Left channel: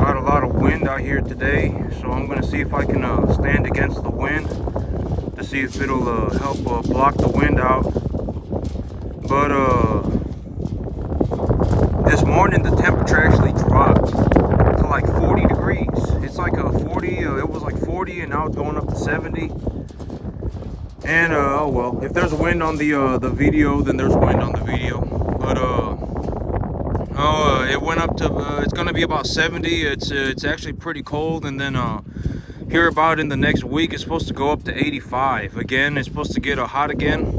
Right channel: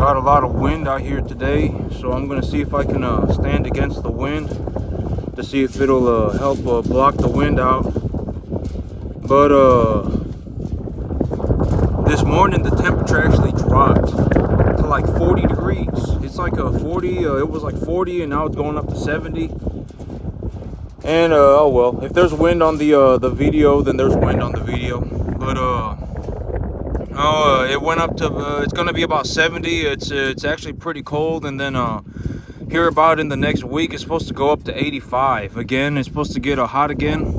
Got a lot of wind out here today, so I'm gonna see if I can stand against the wind to see if it'll help block the wind out. But this morning the temperature actually dropped to like 40 degrees. It's like a 40. It was like 40, and now it's going up to 70. And oh well, if there's wind on the video, then there's wind on the video. But it went up to it's gonna be about 70. It's actually pretty cold, and then here about in the next week it's supposed to go up to 85 again. It's supposed to get hot again,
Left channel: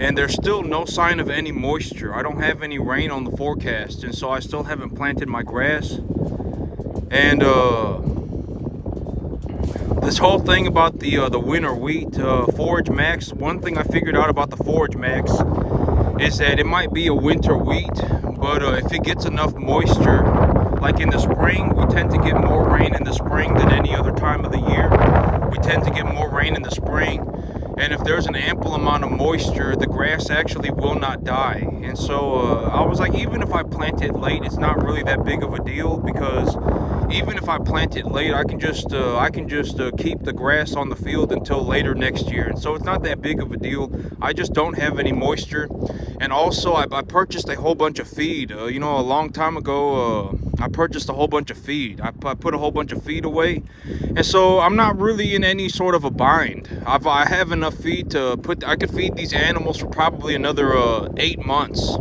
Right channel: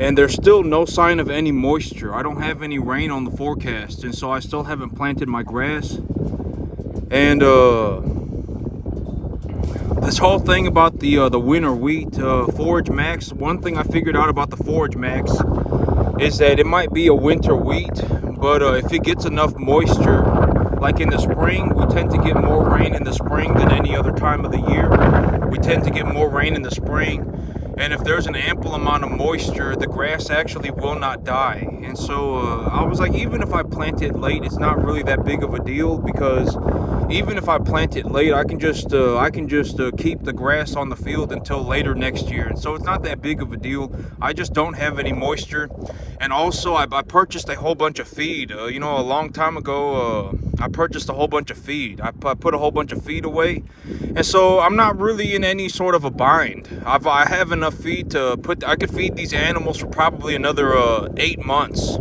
and there's still no sign of any moisture. I don't have any rain on the forecast, and so I still haven't planted my grass. And this whole thing about the winter wheat forage max, one thing I figured out about the forage max is that it might be a winter wheat, but if it gets enough moisture, like in the spring, we tend to get more rain in the spring than any other time of the year. We tend to get more rain in the spring, and if there's an ample amount of moisture, the grass actually will not die. And so I was like, even if I plant it late, it's not really that big of a deal, because even if I plant it late, I can just keep the grass on the field until later next year. And so it's not that big of a deal. I just don't have any moisture. And also I purchased a whole bunch of feed. A long time ago, I purchased a whole bunch of feed. I put a whole bunch of feed away. And so I'm not really in any sort of a bind. I have enough feed to I could feed these animals for probably another 8 months.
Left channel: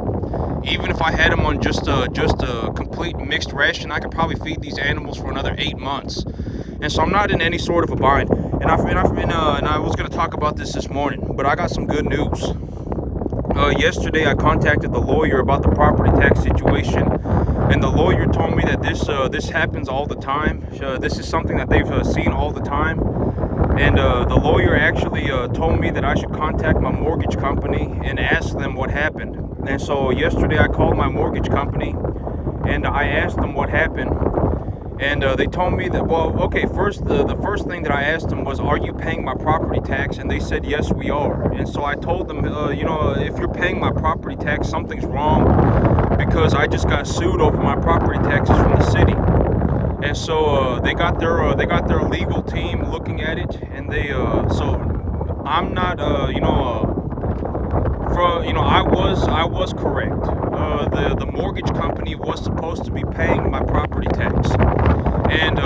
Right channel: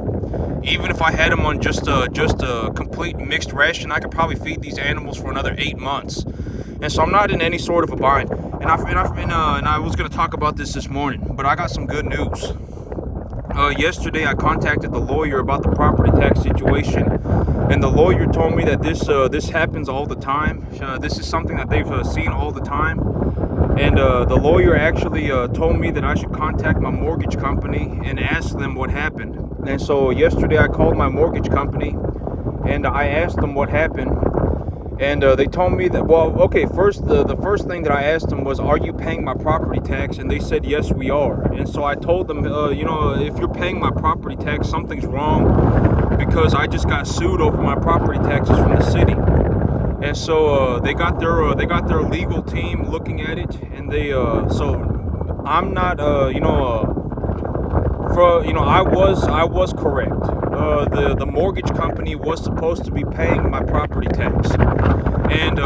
Even if I had them on just a complete mixed ration, I could probably feed these animals for another 8 months. And so I'm not in any sort of a bind. And I was going to talk about this morning, but I got some good news. Yesterday I contacted the lawyer about the property tax situation, and the lawyer told me that this happens all the time. This is something that they've seen all the time. And the lawyer actually told me that I should contact my mortgage company and ask them what happened. And so yesterday I called my mortgage company and I asked them what happened. And they told me that, well, okay, the first thing that I asked them was, are you paying my property tax? And they said, yes, we are. And so I told them, if you're paying my property tax, something's wrong, because I just got sued over my property taxes from the city. And so they got their legal team looking at it, and they so I'm not I was correct. The mortgage company was supposed to be paying my property tax, and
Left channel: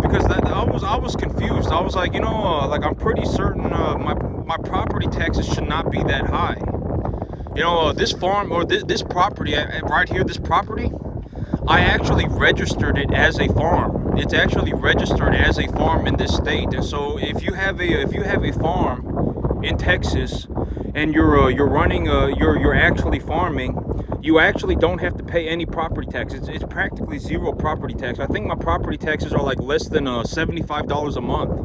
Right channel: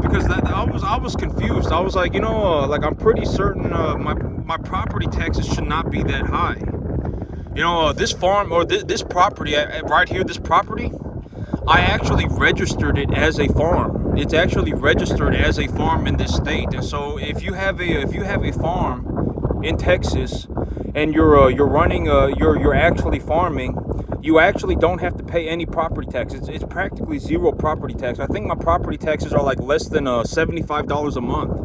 because I was confused. I was like, like I'm pretty certain my property taxes should not be that high. This farm, or this property right here, this property, I actually registered it as a farm. It's actually registered as a farm in this state. And so if you have a farm in Texas and you're running you're actually farming, you actually don't have to pay any property tax. It's practically zero property tax. I think my property taxes are like less than $75 a month.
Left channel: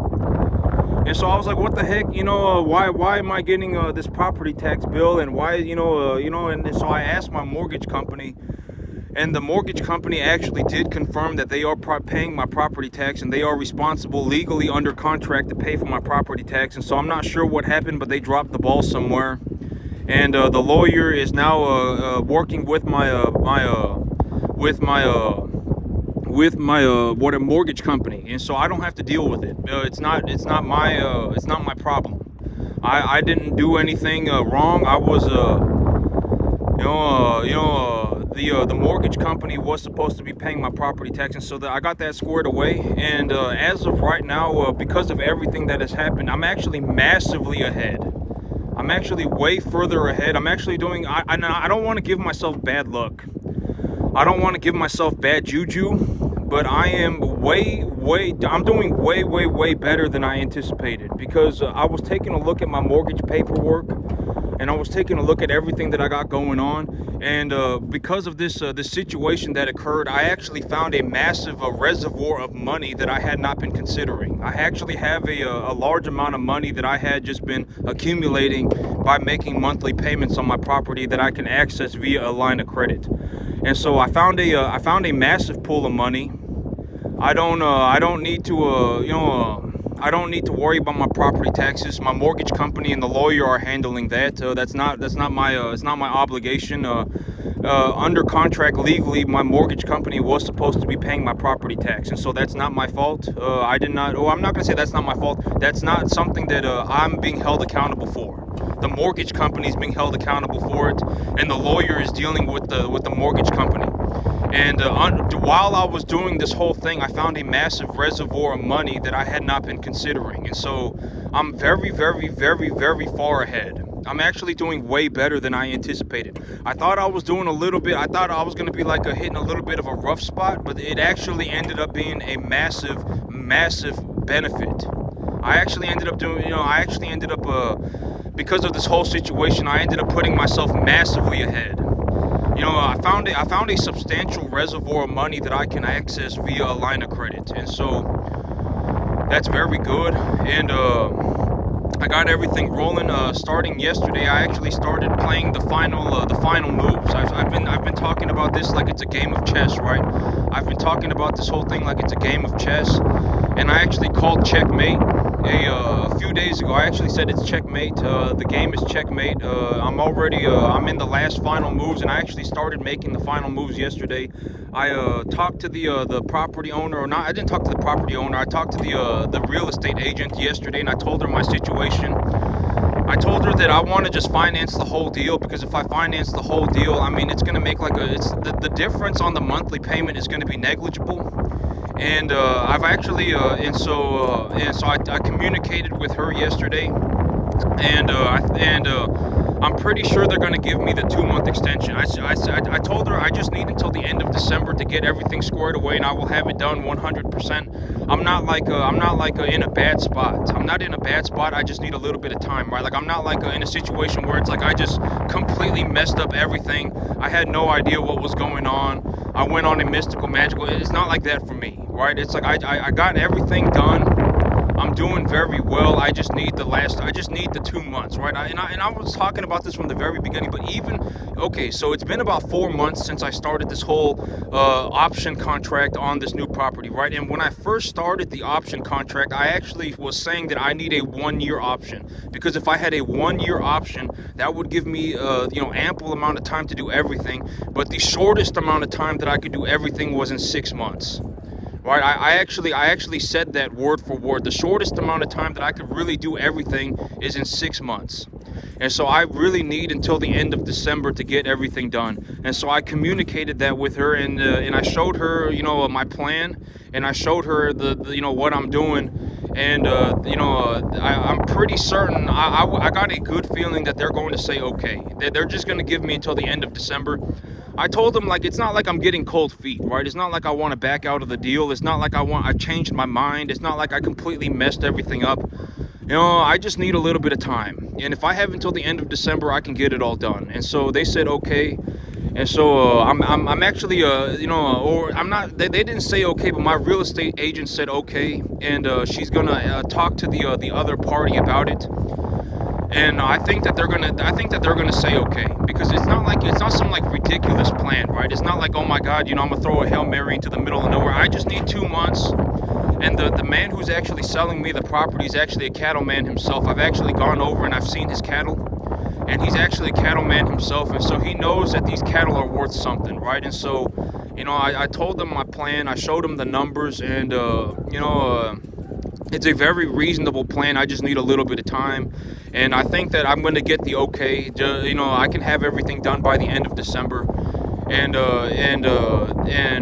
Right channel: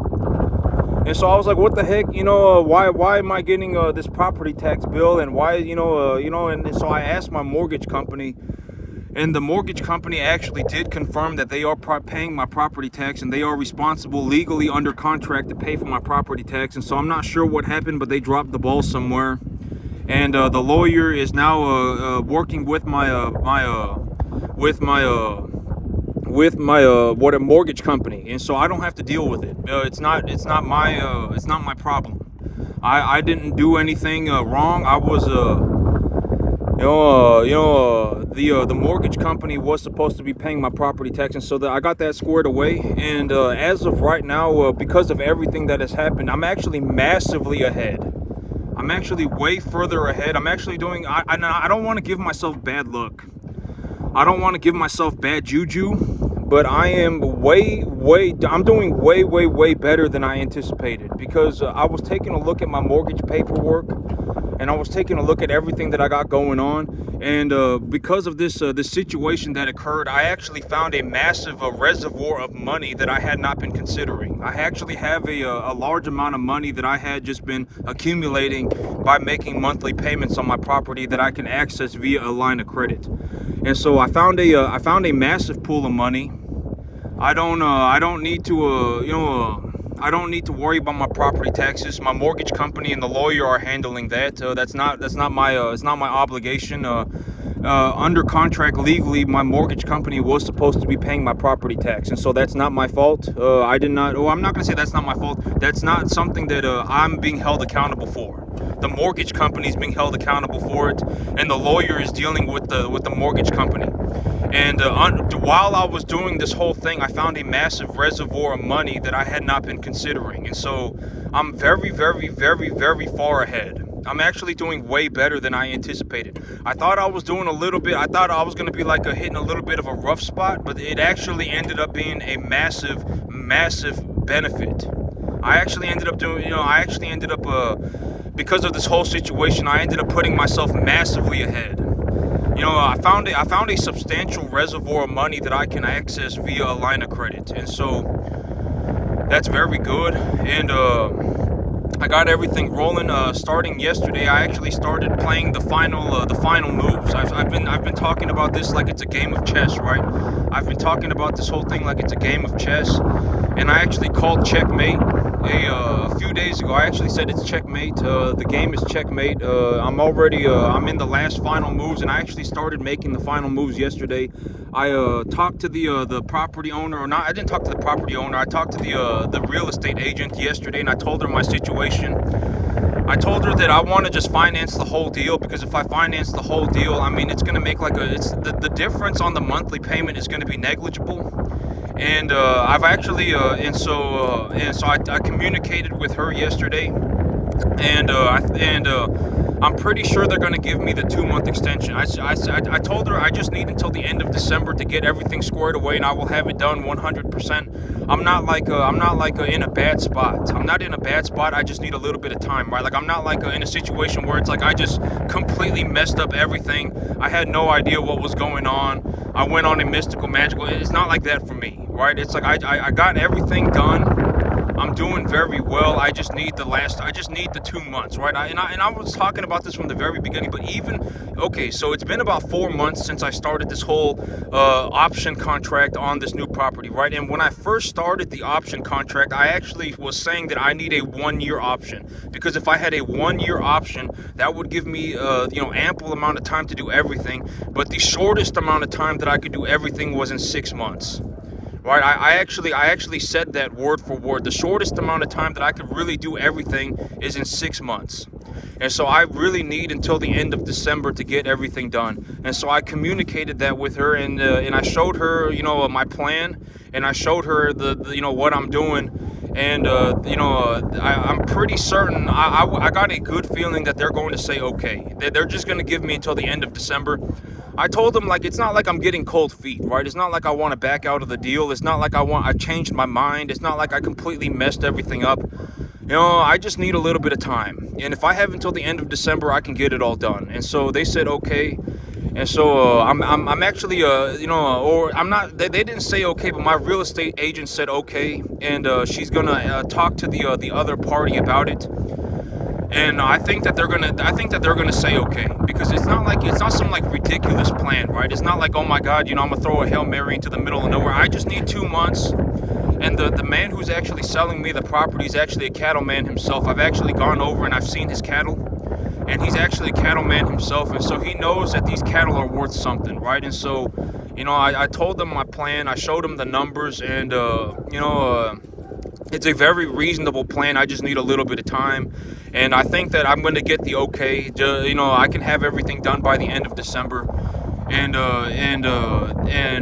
And so I was like, what the heck, why am I getting this property tax bill, and why, and so I asked my mortgage company. And the mortgage company actually did confirm that they are paying my property tax, and they are responsible legally under contract to pay for my property tax. And so I'm not sure what happened, but they dropped the ball somewhere. And the lawyer is now working with my mortgage company, and so I don't have to deal with it. It's not my problem. I didn't do anything wrong. I was the mortgage company was supposed to be paying my property tax, and so I got that squared away. And as of right now, because of everything that has happened, I'm actually massively ahead. I'm actually way further ahead. I'm actually doing, I don't want to give myself bad luck. I don't want to give myself bad juju, but I am I'm doing way better than I anticipated, because I was taking a look at my mortgage paperwork, and I was taking a look at everything that I got going on. And because of this situation that occurred, I actually found a massive reservoir of money that I had not been considering. I actually have a large amount of money that I had just been accumulating by making monthly payments on my property that I can access via a line of credit. And so I found a massive pool of money. I don't need to I don't need to worry about my property taxes. My mortgage company and the lawyer are handling that. That's not my obligation. under contract legally, my mortgage company was supposed to be paying my property tax, and so that's not my fault. I did not. Oh, I'm not gonna say that's not my fault. That's not something that I'm being held accountable for. The mortgage company is being held accountable for it, and the lawyer is dealing with the mortgage company. And while I was doing this whole thing, I found a massive reservoir of money that I had not been considering, and so I'm very, very, very, very far ahead. I'm actually doing way better than I anticipated. I thought I was doing a little bit. I thought I was going to be like hitting a little bit of a rough spot, but it actually ended up being a massive, massive benefit. I actually ended up doing, because of this whole situation, I ended up putting myself massively ahead. I found a substantial reservoir of money that I can access via a line of credit, and so that's very good. And I got everything rolling. Starting yesterday, I actually started playing the final moves. I've been talking about this like it's a game of chess, right? I've been talking about this whole thing like it's a game of chess, and I actually called checkmate a few days ago. I actually said it's checkmate. The game is checkmate. I'm in the last final moves, and I actually started making the final moves yesterday. I talked to the property owner, or not. I didn't talk to the property owner. I talked to the real estate agent yesterday, and I told her my situation. I told her that I want to just finance the whole deal, because if I finance the whole deal, I mean, it's going to make the difference on the monthly payment is going to be negligible. And I've actually so I communicated with her yesterday, and I'm pretty sure they're going to give me the 2-month extension. I told her I just need until the end of December to get everything squared away, and I will have it done 100%. I'm not in a bad spot. I'm not in a bad spot. I just need a little bit of time, right? Like, I'm not in a situation where it's like I just completely messed up everything. I had no idea what was going on. I went on a mystical, magical. It's not like that for me, right? It's like I got everything done. I'm doing very well. I just need the 2 months, right? I was talking about this from the very beginning, but so it's been about 4 months since I started this whole option contract on this new property, right? And when I first started the option contract, I actually was saying that I need a 1-year option, because if I had a 1-year option, that would give me ample amount of time to do everything. But the shortest amount of time that I could do everything was in 6 months. Right, I actually said that word for word. The shortest amount of time that I could really do everything is in 6 months. And so I really need until the end of December to get everything done. And so I communicated that with her, and I showed her, my plan, and I showed her the what I'm doing. And I'm pretty certain, I got a good feeling that they're going to say okay. They're just going to give me until the end of December. I told them, like, it's not like I'm getting cold feet, right? It's not like I want to back out of the deal. It's not like I changed my mind. It's not like I completely messed everything up. I just need a little bit of time. And if I have until the end of December, I can get it all done. And so they said okay. And so I'm actually or I'm not. They didn't say okay, but my real estate agent said okay, and she's gonna talk to the other party about it. And I think that they're gonna say okay, because it's not some like ridiculous plan, right? It's not like, oh my God, I'm gonna throw a Hail Mary into the middle of nowhere. I just need 2 months. And the man who's actually selling me the property is actually a cattleman himself. I've actually gone over and I've seen his cattle, and he's actually a cattleman himself, and so he knows that these cattle are worth something, right? And so, I told them my plan. I showed them the numbers, and it's a very reasonable plan. I just need a little bit of time, and I think that I'm going to get the okay. I can have everything done by the end of December, and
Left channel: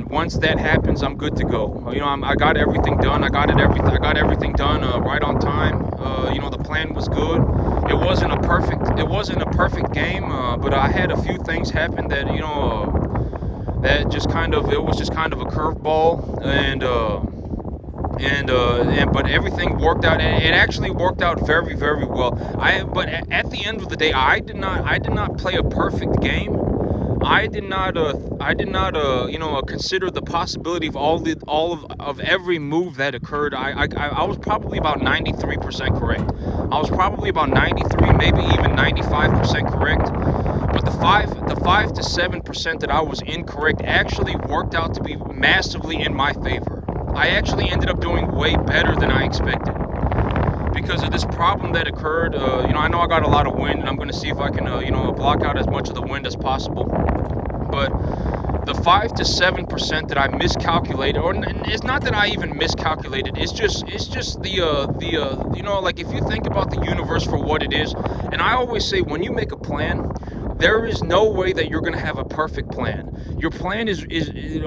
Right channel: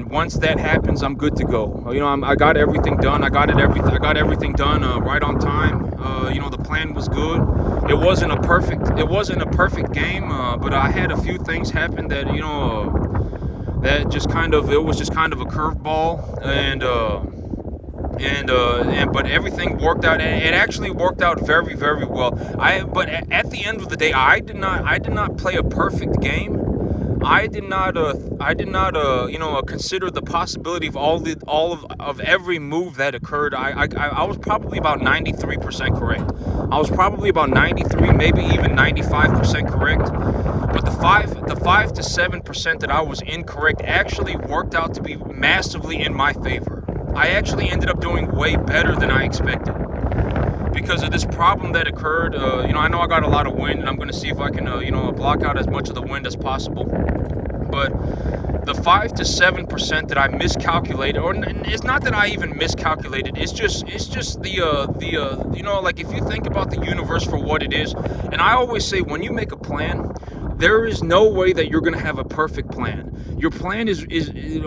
once that happens, I'm good to go. I got everything done. I got everything done right on time. The plan was good. It wasn't a perfect game, but I had a few things happen that that it was just kind of a curveball, but everything worked out. It actually worked out very, very well. But at the end of the day, I did not play a perfect game. I did not consider the possibility of every move that occurred. I was probably about 93% correct. I was probably about 93, maybe even 95% correct. But the 5 to 7% that I was incorrect actually worked out to be massively in my favor. I actually ended up doing way better than I expected because of this problem that occurred. I know I got a lot of wind, and I'm going to see if I can block out as much of the wind as possible. but the 5 to 7% that I miscalculated, or it's not that I even miscalculated. It's just like if you think about the universe for what it is, and I always say when you make a plan, there is no way that you're gonna have a perfect plan. Your plan is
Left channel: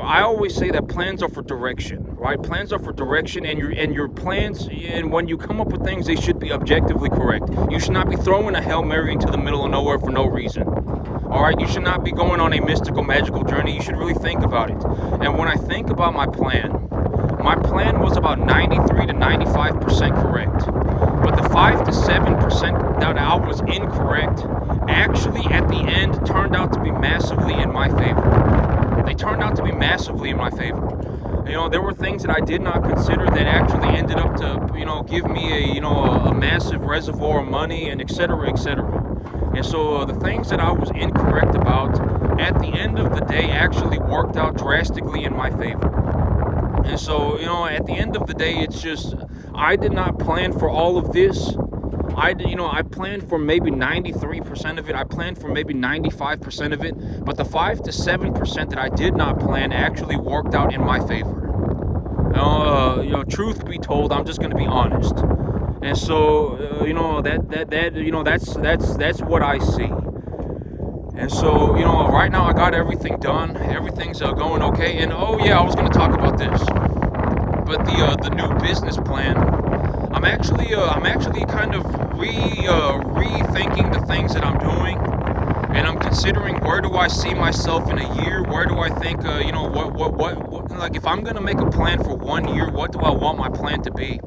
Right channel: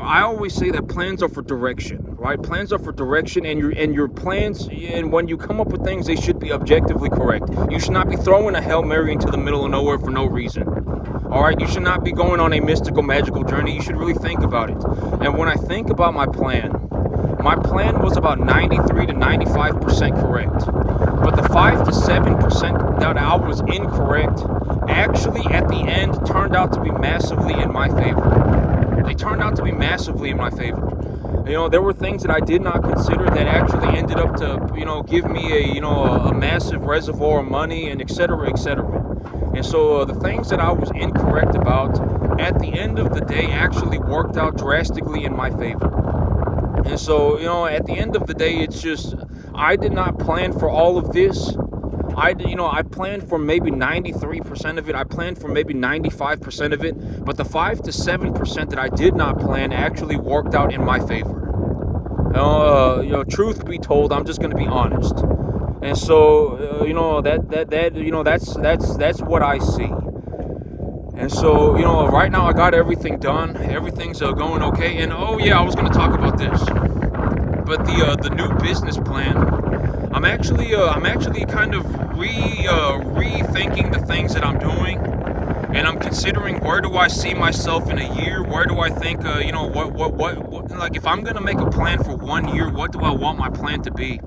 I always say that plans are for direction, right? Plans are for direction, and your plans, and when you come up with things, they should be objectively correct. You should not be throwing a Hail Mary into the middle of nowhere for no reason. All right, you should not be going on a mystical, magical journey. You should really think about it. And when I think about my plan was about 93 to 95% correct. But the 5 to 7% that I was incorrect actually at the end turned out to be massively in my favor. They turned out to be massively in my favor. There were things that I did not consider that actually ended up to, give me a massive reservoir of money, and et cetera, et cetera. And so the things that I was incorrect about at the end of the day actually worked out drastically in my favor. And so, at the end of the day, it's just, I did not plan for all of this. I planned for maybe 93% of it. I planned for maybe 95% of it. But the 5 to 7% that I did not plan actually worked out in my favor. Truth be told, I'm just going to be honest. And so, that's what I see. And so, right now I got everything done. Everything's going okay. And I was going to talk about this. But the new business plan, I'm actually kind of rethinking the things that I'm doing, and I'm considering where do I see myself in a year? Where do I think what like if I'm gonna make a plan for 1 year, what do I want my plan to be?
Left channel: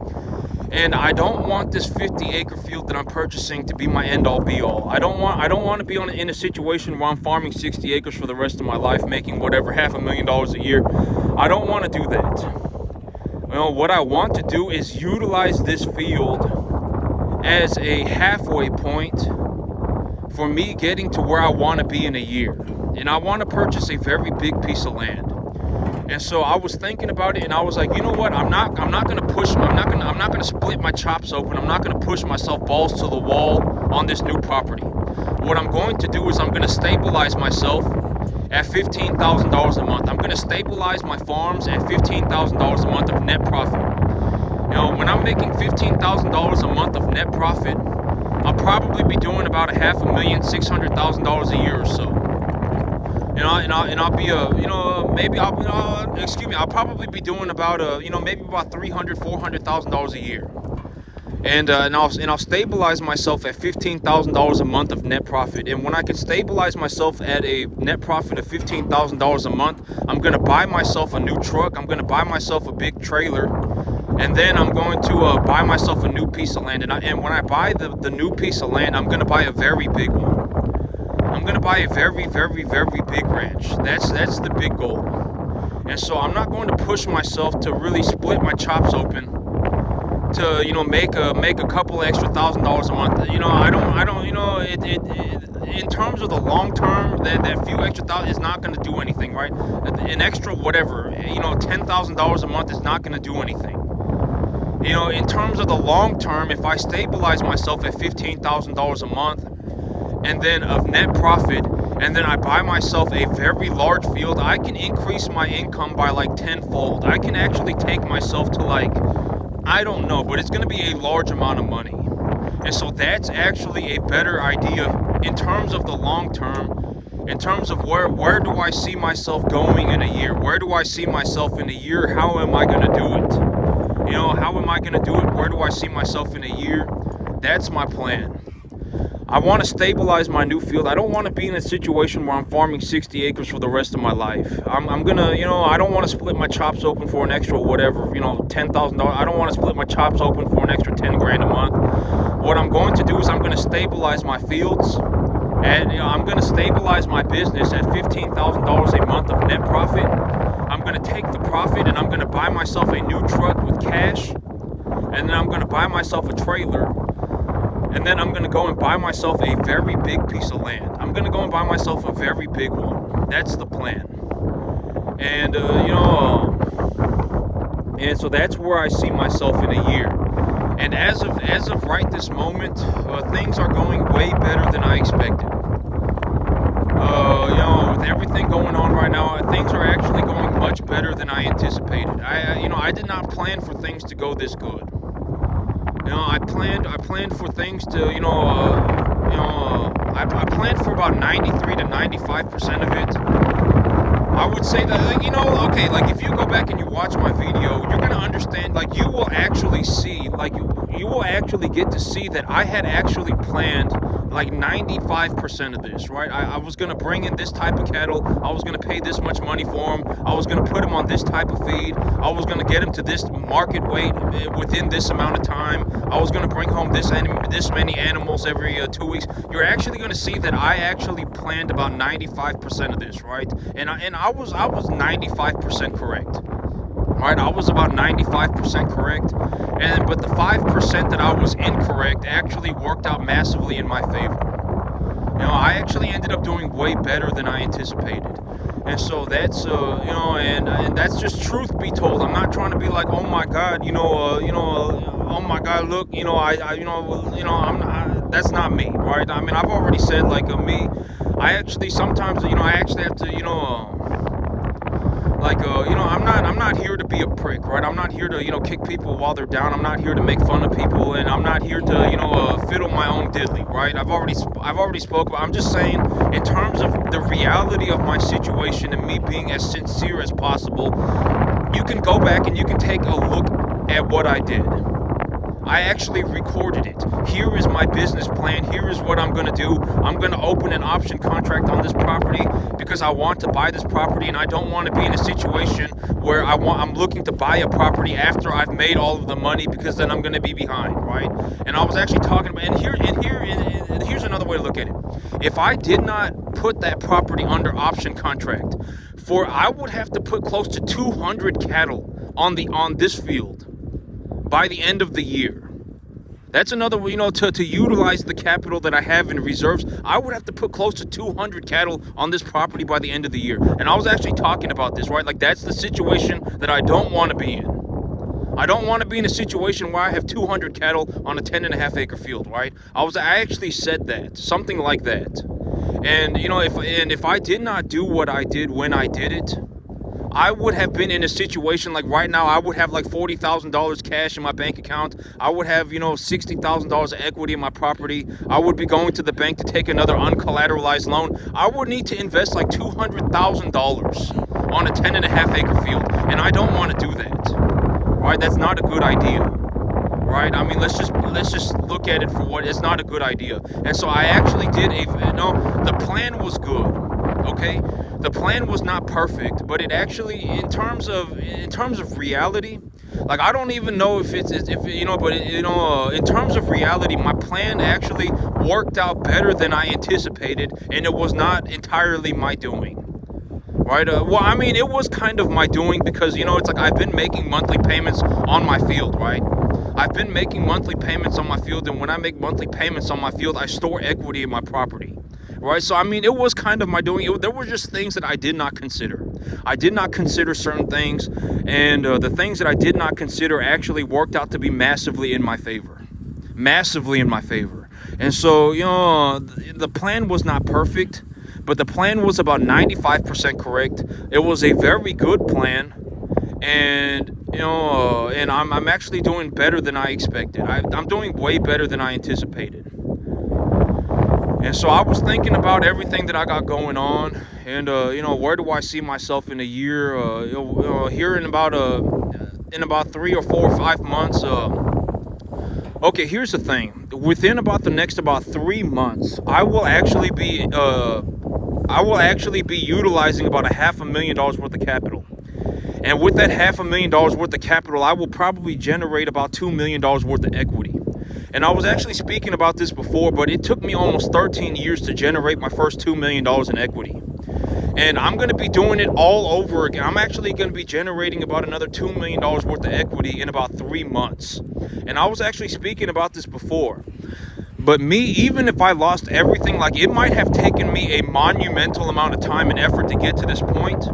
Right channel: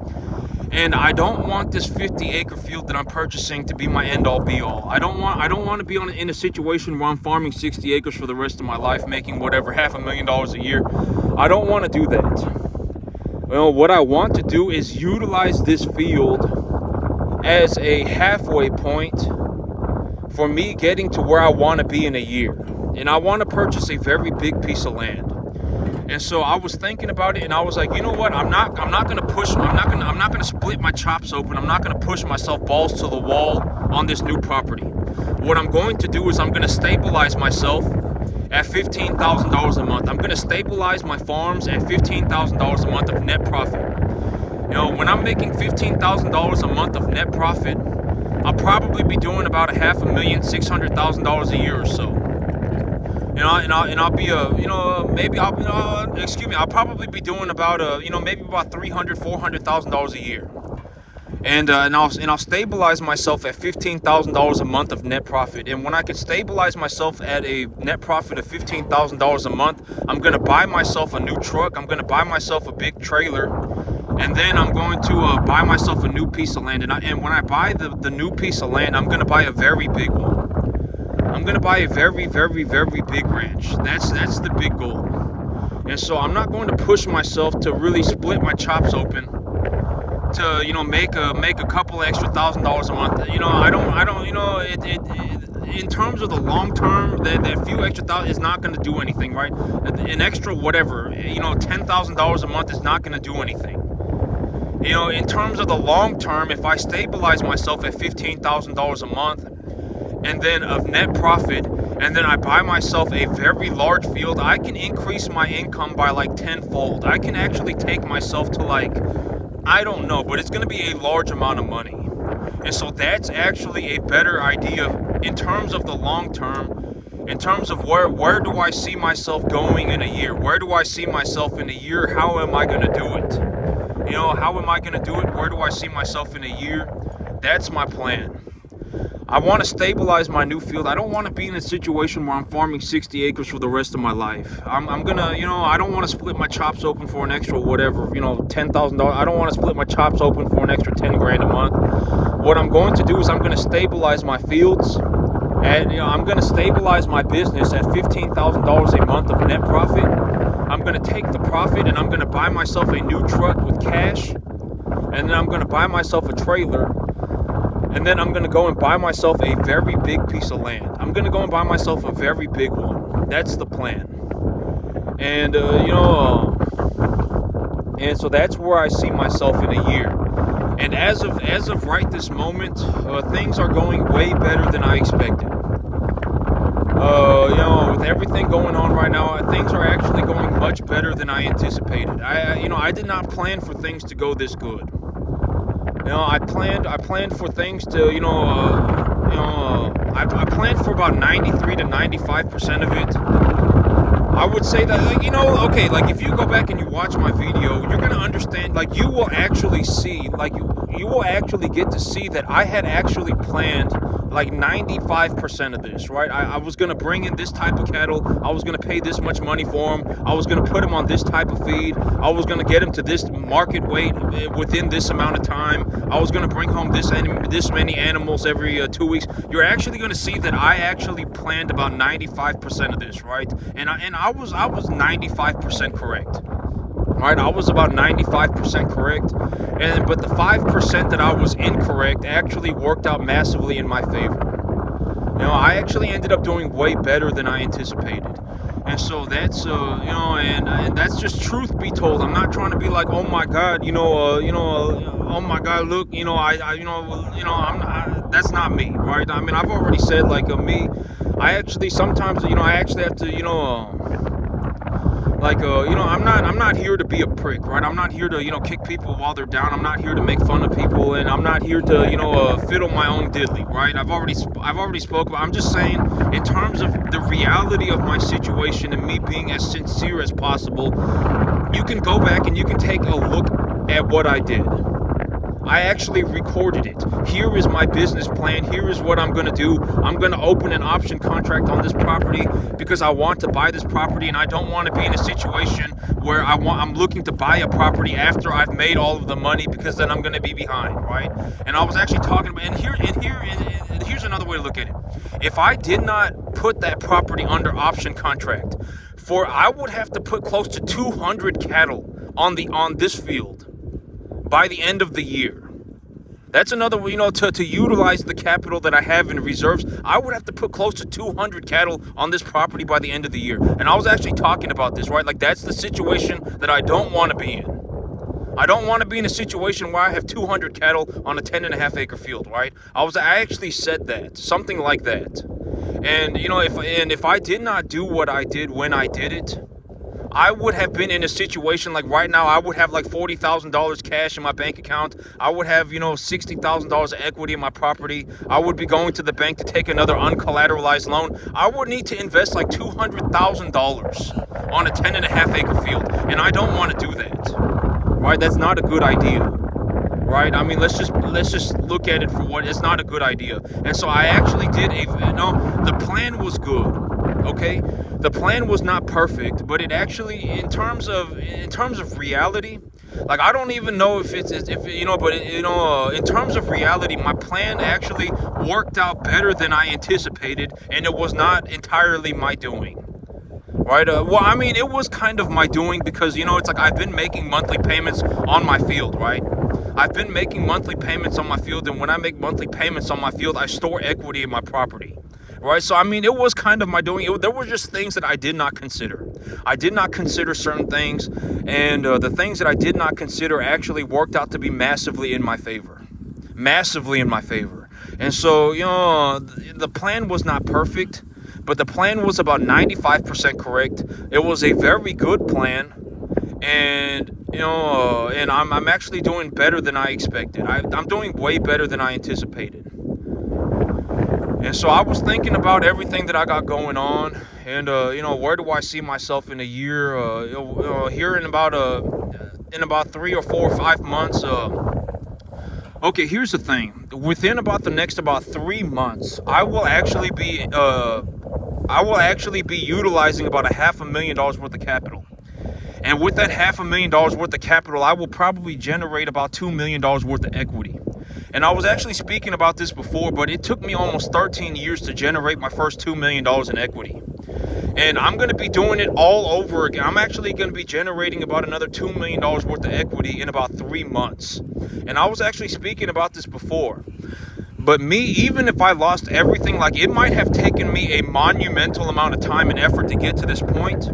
And I don't want this 50-acre field that I'm purchasing to be my end-all be-all. I don't want to be in a situation where I'm farming 60 acres for the rest of my life, making whatever $500,000 a year. I don't want to do that. What I want to do is utilize this field as a halfway point for me getting to where I want to be in a year. And I want to purchase a very big piece of land. And so I was thinking about it, and I was like, you know what? I'm not going to split my chops open. I'm not going to push myself balls to the wall on this new property. What I'm going to do is I'm going to stabilize myself at $15,000 a month. I'm going to stabilize my farms at $15,000 a month of net profit. When I'm making $15,000 a month of net profit, I'll probably be doing about $500,000, $600,000 a year or so. I'll be I'll probably be doing about maybe about $300,000, $400,000 a year. And I'll stabilize myself at $15,000 a month of net profit. And when I can stabilize myself at a net profit of $15,000 a month, I'm going to buy myself a new truck. I'm going to buy myself a big trailer. And then I'm going to buy myself a new piece of land. And when I buy the new piece of land, I'm going to buy a very big one. I'm going to buy a very, very, very big ranch. That's the big goal. And so I'm not going to push myself to really split my chops open to make a couple extra $1,000 a month. In terms of the long term, that few extra thousand is not going to do anything, right? An extra whatever, $10,000 a month is not going to do anything. In terms of the long term, if I stabilize myself at $15,000 a month and then of net profit, and then I buy myself a very large field, I can increase my income by like tenfold. I can actually take myself to I don't know, but it's going to be a large amount of money. And so that's actually a better idea in terms of the long term, in terms of where do I see myself going in a year? Where do I see myself in a year? How am I going to do it? How am I going to do it? Where do I see myself in a year? That's my plan. I want to stabilize my new field. I don't want to be in a situation where I'm farming 60 acres for the rest of my life. I'm gonna, I don't want to split my chops open for an extra whatever, $10,000. I don't want to split my chops open for an extra 10 grand a month. What I'm going to do is I'm going to stabilize my fields, and I'm going to stabilize my business at $15,000 a month of net profit. I'm going to take the profit and I'm going to buy myself a new truck with cash, and then I'm going to buy myself a trailer. And then I'm going to go and buy myself a very big piece of land. I'm going to go and buy myself a very big one. That's the plan. And, and so that's where I see myself in a year. And as of right this moment, things are going way better than I expected. With everything going on right now, things are actually going much better than I anticipated. I did not plan for things to go this good. I planned for things to, I planned for about 93 to 95% of it. I would say that, okay, like if you go back and you watch my video, you're gonna understand. Like you will actually see, like you will actually get to see that I had actually planned like 95% of this, right? I was gonna bring in this type of cattle. I was gonna pay this much money for them. I was gonna put them on this type of feed. I was gonna get them to this market weight within this amount of time. I was gonna bring home this many animals every 2 weeks. You're actually gonna see that I actually planned about 95% of this, right? And I was 95% correct. Right, I was about 95% correct, but the 5% that I was incorrect actually worked out massively in my favor. I actually ended up doing way better than I anticipated, and so that's and that's just truth be told. I'm not trying to be like, oh my God, oh my God, look, that's not me, right? I mean, I've already said like me. I actually sometimes, I actually have to, I'm not here to be a prick, right? I'm not here to, kick people while they're down. I'm not here to make fun of people, and I'm not here to, fiddle my own diddly, right? I've already spoke about. I'm just saying, in terms of the reality of my situation and me being as sincere as possible, you can go back and you can take a look at what I did. I actually recorded it. Here is my business plan. Here is what I'm going to do. I'm going to open an option contract on this property because I want to buy this property, and I don't want to be in a situation where I'm looking to buy a property after I've made all of the money, because then I'm going to be behind, right? And I was actually talking about, and here's another way to look at it. If I did not put that property under option contract, I would have to put close to 200 cattle on this field by the end of the year. That's another, to utilize the capital that I have in reserves, I would have to put close to 200 cattle on this property by the end of the year. And I was actually talking about this, right? Like, that's the situation that I don't want to be in. I don't want to be in a situation where I have 200 cattle on a 10.5 acre field, right? I actually said that, something like that. And, if I did not do what I did when I did it, I would have been in a situation like right now. I would have like $40,000 cash in my bank account. I would have, $60,000 of equity in my property. I would be going to the bank to take another uncollateralized loan. I would need to invest like $200,000 on a 10.5 acre field. And I don't want to do that, right? That's not a good idea, right? I mean, let's just look at it for what it's not a good idea. And so I actually did the plan was good, okay? The plan was not perfect, but it actually, in terms of reality, like, I don't even know if in terms of reality, my plan actually worked out better than I anticipated, and it was not entirely my doing. Right? Well, I mean, it was kind of my doing, because, it's like I've been making monthly payments on my field, right? I've been making monthly payments on my field, and when I make monthly payments on my field, I store equity in my property. Right, so I mean, it was kind of my doing. There were just things that I did not consider. I did not consider certain things, and the things that I did not consider actually worked out to be massively in my favor. Massively in my favor. And so, the plan was not perfect, but the plan was about 95% correct. It was a very good plan, and and I'm actually doing better than I expected. I'm doing way better than I anticipated. And so I was thinking about everything that I got going on, and where do I see myself in a year? Here in about 3 or 4 or 5 months. Okay, here's the thing. Within about the next 3 months, I will actually be utilizing about $500,000 worth of capital. And with that $500,000 worth of capital, I will probably generate about $2 million worth of equity. And I was actually speaking about this before, but it took me almost 13 years to generate my first $2 million in equity. And I'm going to be doing it all over again. I'm actually going to be generating about another $2 million worth of equity in about 3 months. And I was actually speaking about this before. But even if I lost everything, like, it might have taken me a monumental amount of time and effort to get to this point.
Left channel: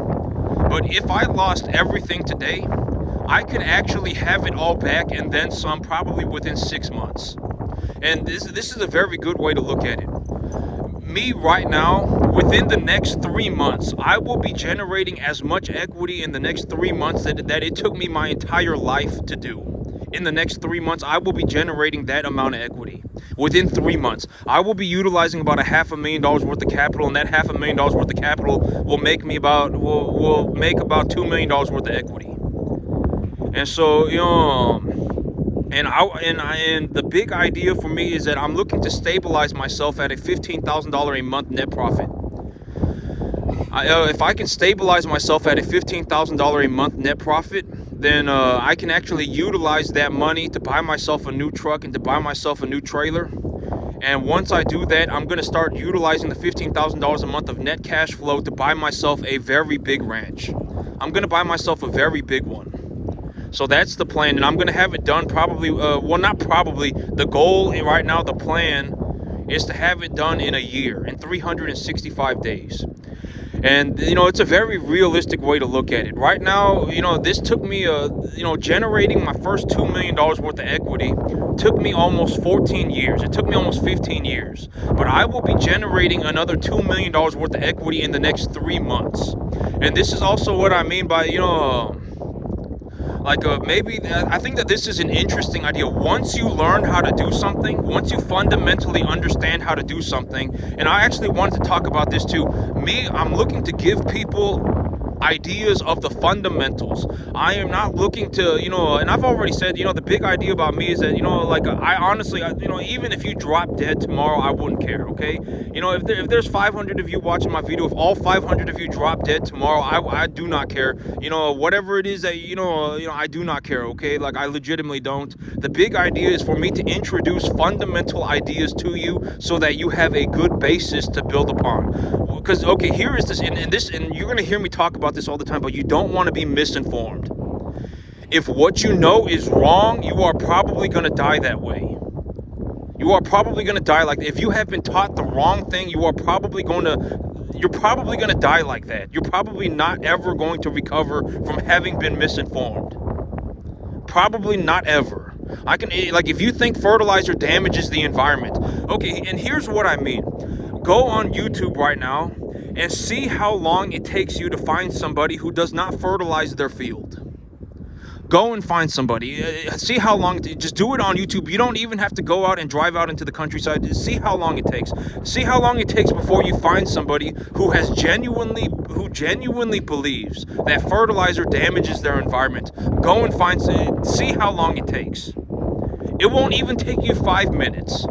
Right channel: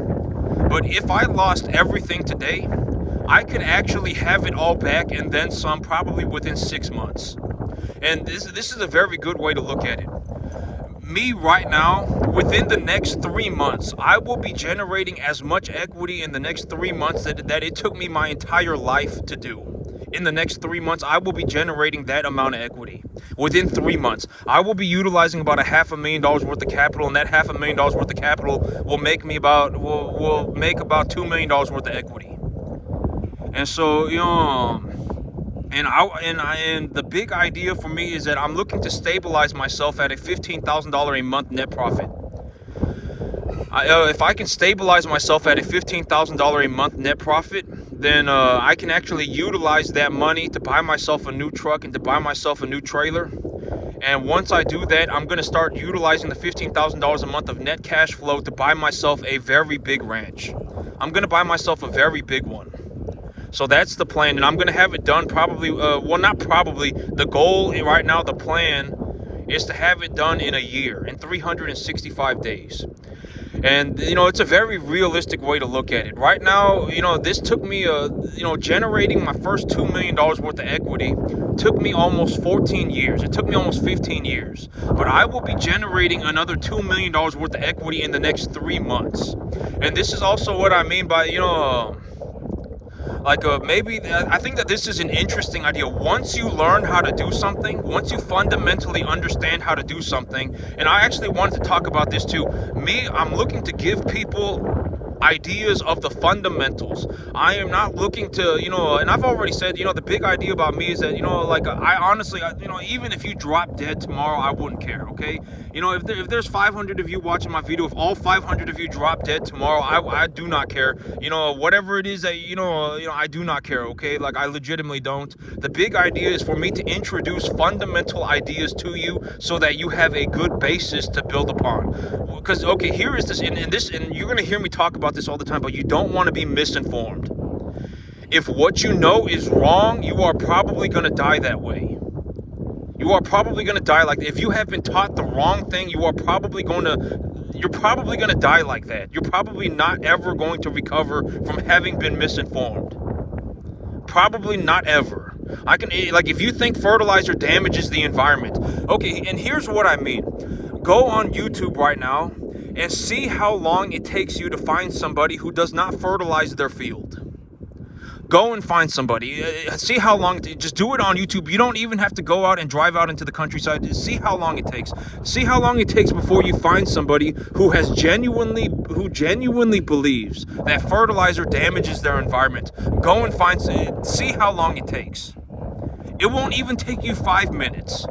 But if I lost everything today, I could actually have it all back and then some, probably within 6 months. And this is a very good way to look at it. Me right now, within the next 3 months, I will be generating as much equity in the next 3 months that it took me my entire life to do. In the next 3 months, I will be generating that amount of equity. Within 3 months, I will be utilizing about $500,000 worth of capital, and that $500,000 worth of capital will make me will make about $2 million worth of equity. And so, and the big idea for me is that I'm looking to stabilize myself at a $15,000 a month net profit. If I can stabilize myself at a $15,000 a month net profit, then I can actually utilize that money to buy myself a new truck and to buy myself a new trailer. And once I do that, I'm going to start utilizing the $15,000 a month of net cash flow to buy myself a very big ranch. I'm going to buy myself a very big one. So that's the plan, and I'm going to have it done probably, the goal right now, the plan is to have it done in a year, in 365 days. And, it's a very realistic way to look at it. Right now, this took me, generating my first $2 million worth of equity took me almost 14 years. It took me almost 15 years. But I will be generating another $2 million worth of equity in the next 3 months. And this is also what I mean by, maybe I think that this is an interesting idea. Once you learn how to do something, once you fundamentally understand how to do something, and I actually wanted to talk about this too. I'm looking to give people ideas of the fundamentals. I am not looking to, and I've already said, the big idea about me is that, I honestly, even if you drop dead tomorrow, I wouldn't care, okay? If there's 500 of you watching my video, if all 500 of you drop dead tomorrow, I do not care. Whatever it is that, I do not care, okay? I legitimately don't. The big idea is for me to introduce fundamental ideas to you so that you have a good basis to build upon. Because, okay, here is this, and you're going to hear me talk about this all the time, but you don't want to be misinformed. If what you know is wrong, you are probably going to die that way. You are probably going to die like that. If you have been taught the wrong thing, you're probably going to die like that. You're probably not ever going to recover from having been misinformed. Probably not ever. If you think fertilizer damages the environment, okay, and here's what I mean. Go on YouTube right now and see how long it takes you to find somebody who does not fertilize their field. Go and find somebody. See how long. Just do it on YouTube. You don't even have to go out and drive out into the countryside. See how long it takes. See how long it takes before you find somebody who genuinely believes that fertilizer damages their environment. Go and see how long it takes. It won't even take you 5 minutes.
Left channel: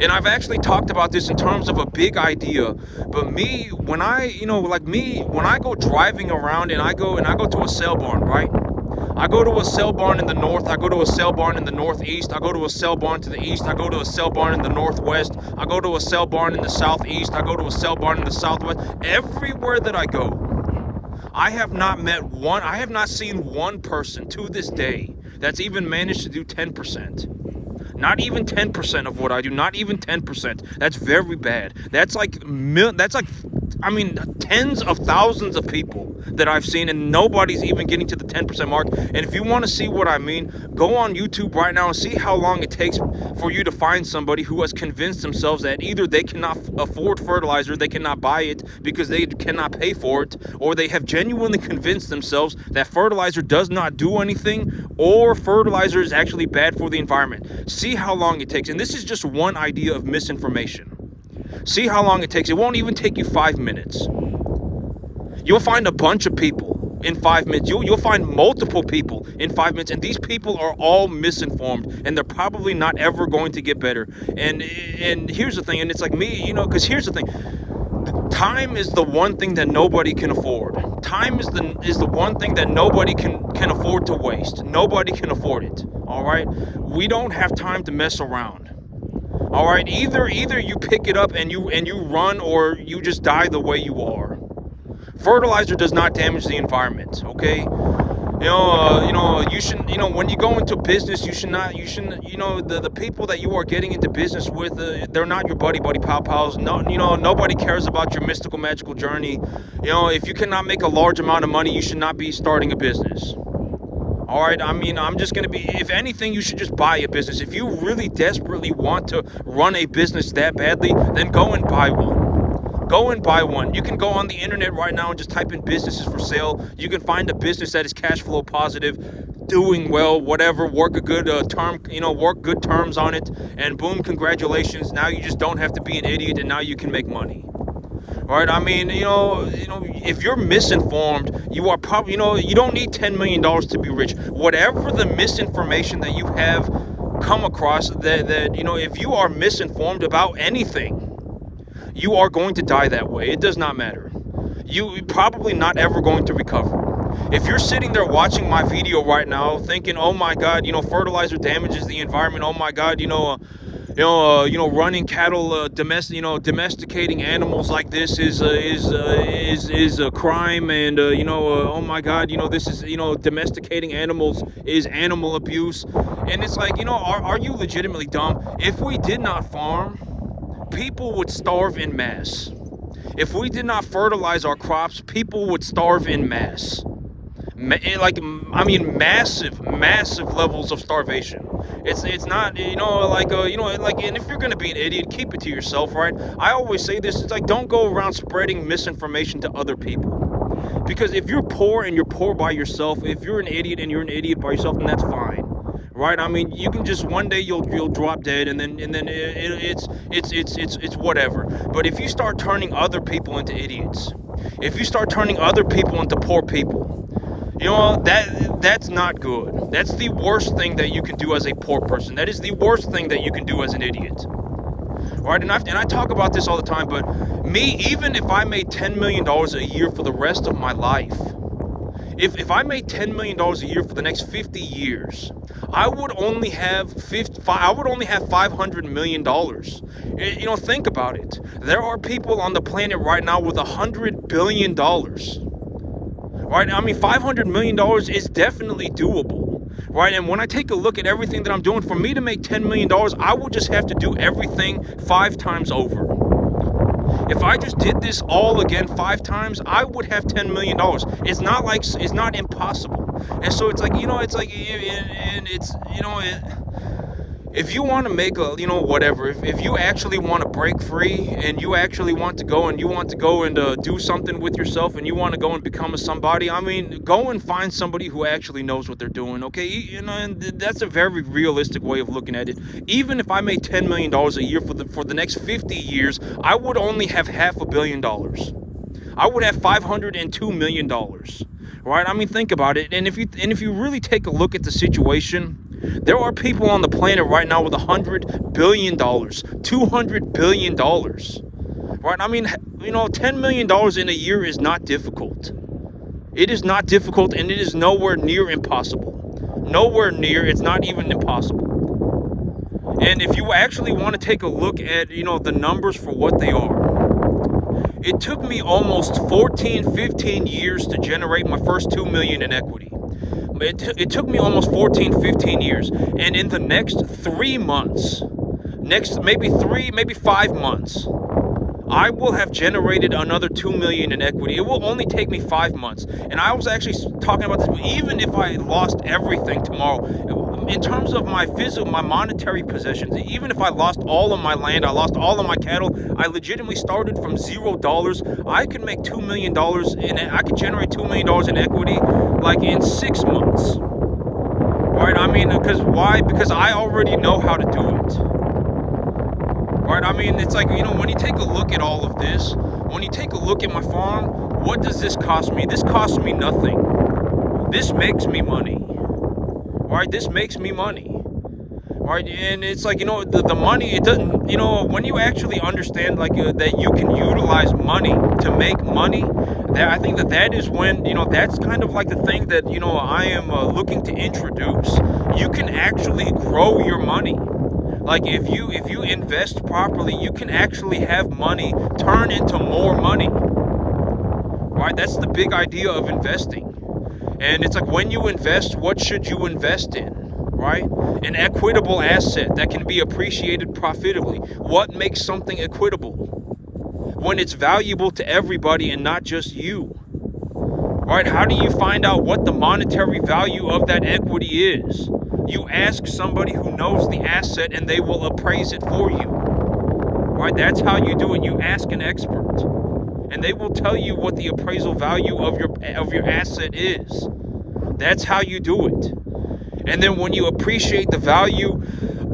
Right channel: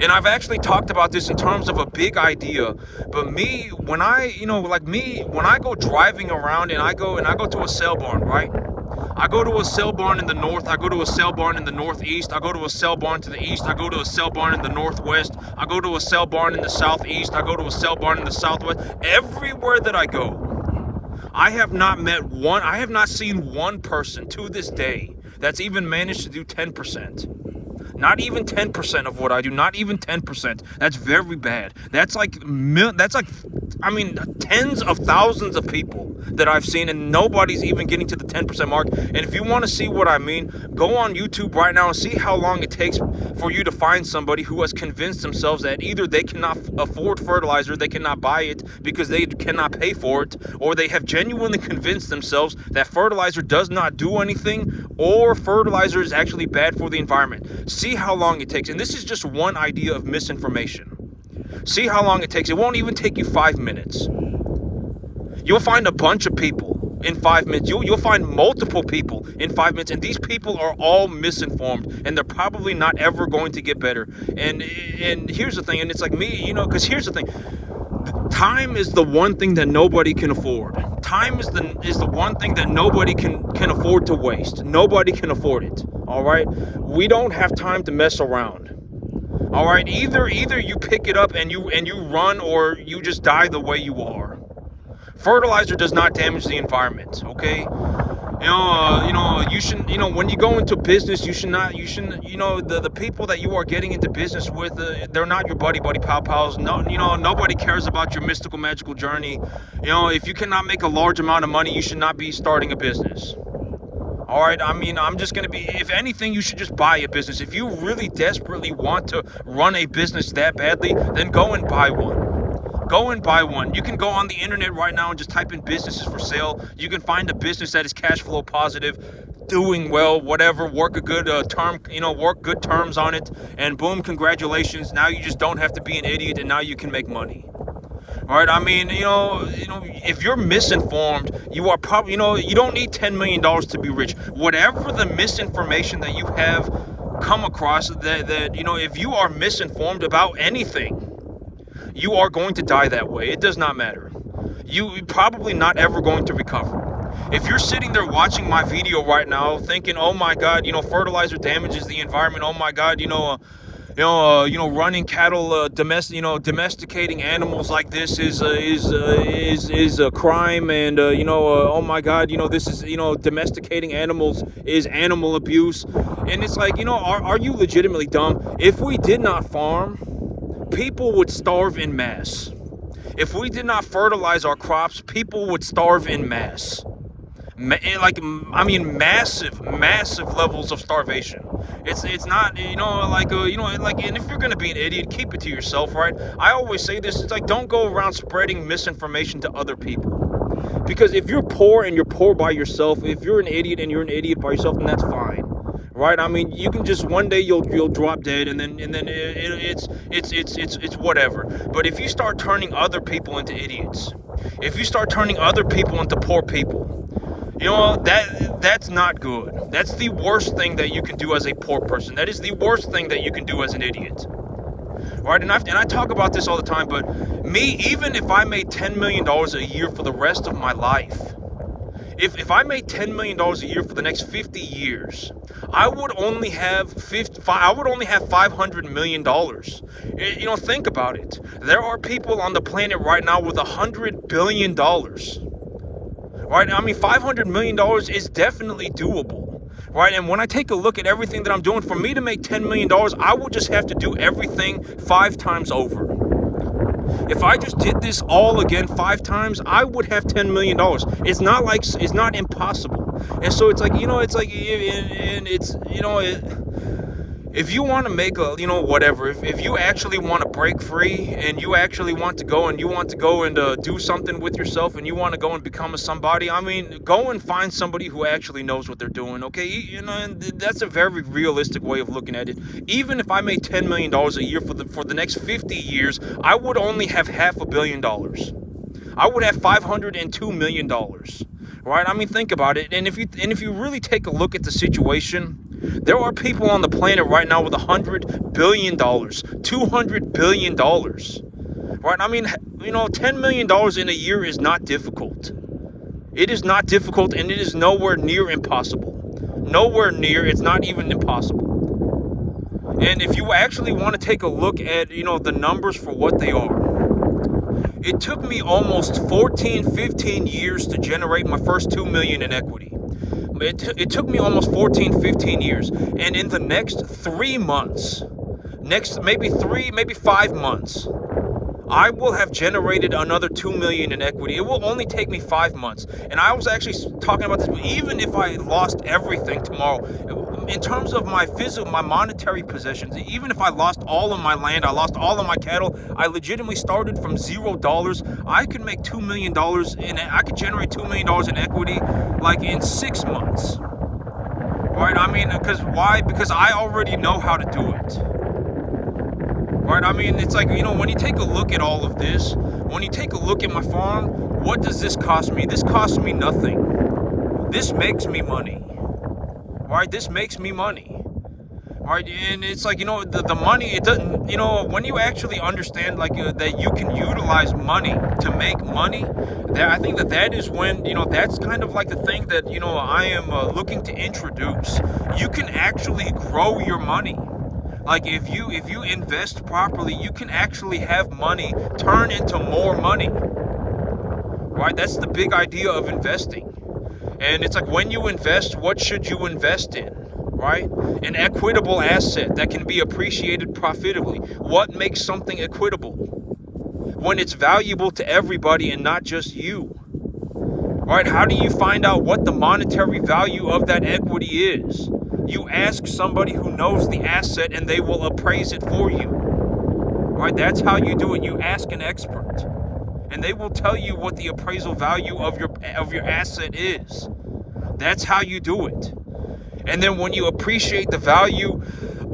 And I've actually talked about this in terms of a big idea. But when I go driving around and I go to a sale barn, right? I go to a sale barn in the north, I go to a sale barn in the northeast, I go to a sale barn to the east, I go to a sale barn in the northwest, I go to a sale barn in the southeast, I go to a sale barn in the southwest. Everywhere that I go, I have not seen one person to this day that's even managed to do 10%. Not even 10% of what I do, not even 10%. That's very bad. That's like tens of thousands of people that I've seen, and nobody's even getting to the 10% mark. And if you want to see what I mean, go on YouTube right now and see how long it takes for you to find somebody who has convinced themselves that either they cannot afford fertilizer, they cannot buy it because they cannot pay for it, or they have genuinely convinced themselves that fertilizer does not do anything, or fertilizer is actually bad for the environment. See how long it takes. And this is just one idea of misinformation. See how long it takes. It won't even take you 5 minutes. You'll find a bunch of people in 5 minutes. You'll find multiple people in 5 minutes, and these people are all misinformed, and they're probably not ever going to get better. And here's the thing, and it's like me, because here's the thing. Time is the one thing that nobody can afford. Time is the one thing that nobody can afford to waste. Nobody can afford it. All right? We don't have time to mess around. All right? Either you pick it up and you run, or you just die the way you are. Fertilizer does not damage the environment, okay? You shouldn't, when you go into business, the people that you are getting into business with, they're not your buddy pals. No, nobody cares about your mystical, magical journey. If you cannot make a large amount of money, you should not be starting a business. All right, I'm just going to be, if anything, you should just buy a business. If you really desperately want to run a business that badly, then go and buy one. Go and buy one. You can go on the internet right now and just type in businesses for sale. You can find a business that is cash flow positive, doing well, whatever, work a good work good terms on it, and boom, congratulations. Now you just don't have to be an idiot, and now you can make money. All right, I mean, if you're misinformed, you are probably, you don't need $10 million to be rich. Whatever the misinformation that you have come across, that if you are misinformed about anything, you are going to die that way. It does not matter. You're probably not ever going to recover. If you're sitting there watching my video right now thinking, oh my God, fertilizer damages the environment, oh my God, running cattle, domesticating animals like this is a crime, and oh my God, this is domesticating animals is animal abuse, and it's like, are you legitimately dumb? If we did not farm, people would starve in mass. If we did not fertilize our crops, people would starve in mass. Massive levels of starvation. It's not, and if you're gonna be an idiot, keep it to yourself, right? I always say this, it's like, don't go around spreading misinformation to other people. Because if you're poor and you're poor by yourself, if you're an idiot and you're an idiot by yourself, then that's fine. Right? I mean, you can just, one day you'll drop dead, and then it's whatever. But if you start turning other people into idiots, if you start turning other people into poor people, that's not good. That's the worst thing that you can do as a poor person. That is the worst thing that you can do as an idiot. Right? And I talk about this all the time, but me, even if I made $10 million a year for the rest of my life, if I made $10 million a year for the next 50 years, I would only have $500 million. Think about it. There are people on the planet right now with $100 billion. Right? I mean, $500 million is definitely doable. Right? And when I take a look at everything that I'm doing, for me to make $10 million, I would just have to do everything 5 times over. If I just did this all again 5 times, I would have $10 million. It's not impossible. And so it's like, if you want to make if you actually want to break free, and you actually want to go and do something with yourself, and you want to go and become somebody, I mean, go and find somebody who actually knows what they're doing, okay? And that's a very realistic way of looking at it. Even if I made $10 million a year for the next 50 years, I would only have $500 million. I would have $502 million. Right? I mean, think about it. And if you really take a look at the situation, there are people on the planet right now with $100 billion, $200 billion. Right? I mean, $10 million in a year is not difficult. It is not difficult, and it is nowhere near impossible. Nowhere near. It's not even impossible. And if you actually want to take a look at, the numbers for what they are, it took me almost 15 years to generate my first $2 million in equity. It took me almost 15 years. And in the next 3 months, maybe 5 months, I will have generated another $2 million in equity. It will only take me 5 months. And I was actually talking about this, even if I lost everything tomorrow, in terms of my monetary possessions, even if I lost all of my land, I lost all of my cattle, I legitimately started from $0, I could make $2 million I could generate $2 million in equity like in 6 months. Right? I mean, why? Because I already know how to do it. Right? I mean, it's like, when you take a look at all of this, when you take a look at my farm, what does this cost me? This costs me nothing. This makes me money. Right? This makes me money. Right? And it's like, the money, it doesn't, when you actually understand that you can utilize money to make money, that I think that is when, that's kind of like the thing that, I am looking to introduce. You can actually grow your money. Like if you invest properly, you can actually have money turn into more money. Right? That's the big idea of investing. And it's like, when you invest, what should you invest in? Right? An equitable asset that can be appreciated profitably. What makes something equitable? When it's valuable to everybody and not just you. Right? How do you find out what the monetary value of that equity is? You ask somebody who knows the asset, and they will appraise it for you. right? That's how you do it. You ask an expert, and they will tell you what the appraisal value of your asset is. That's how you do it. And then when you appreciate the value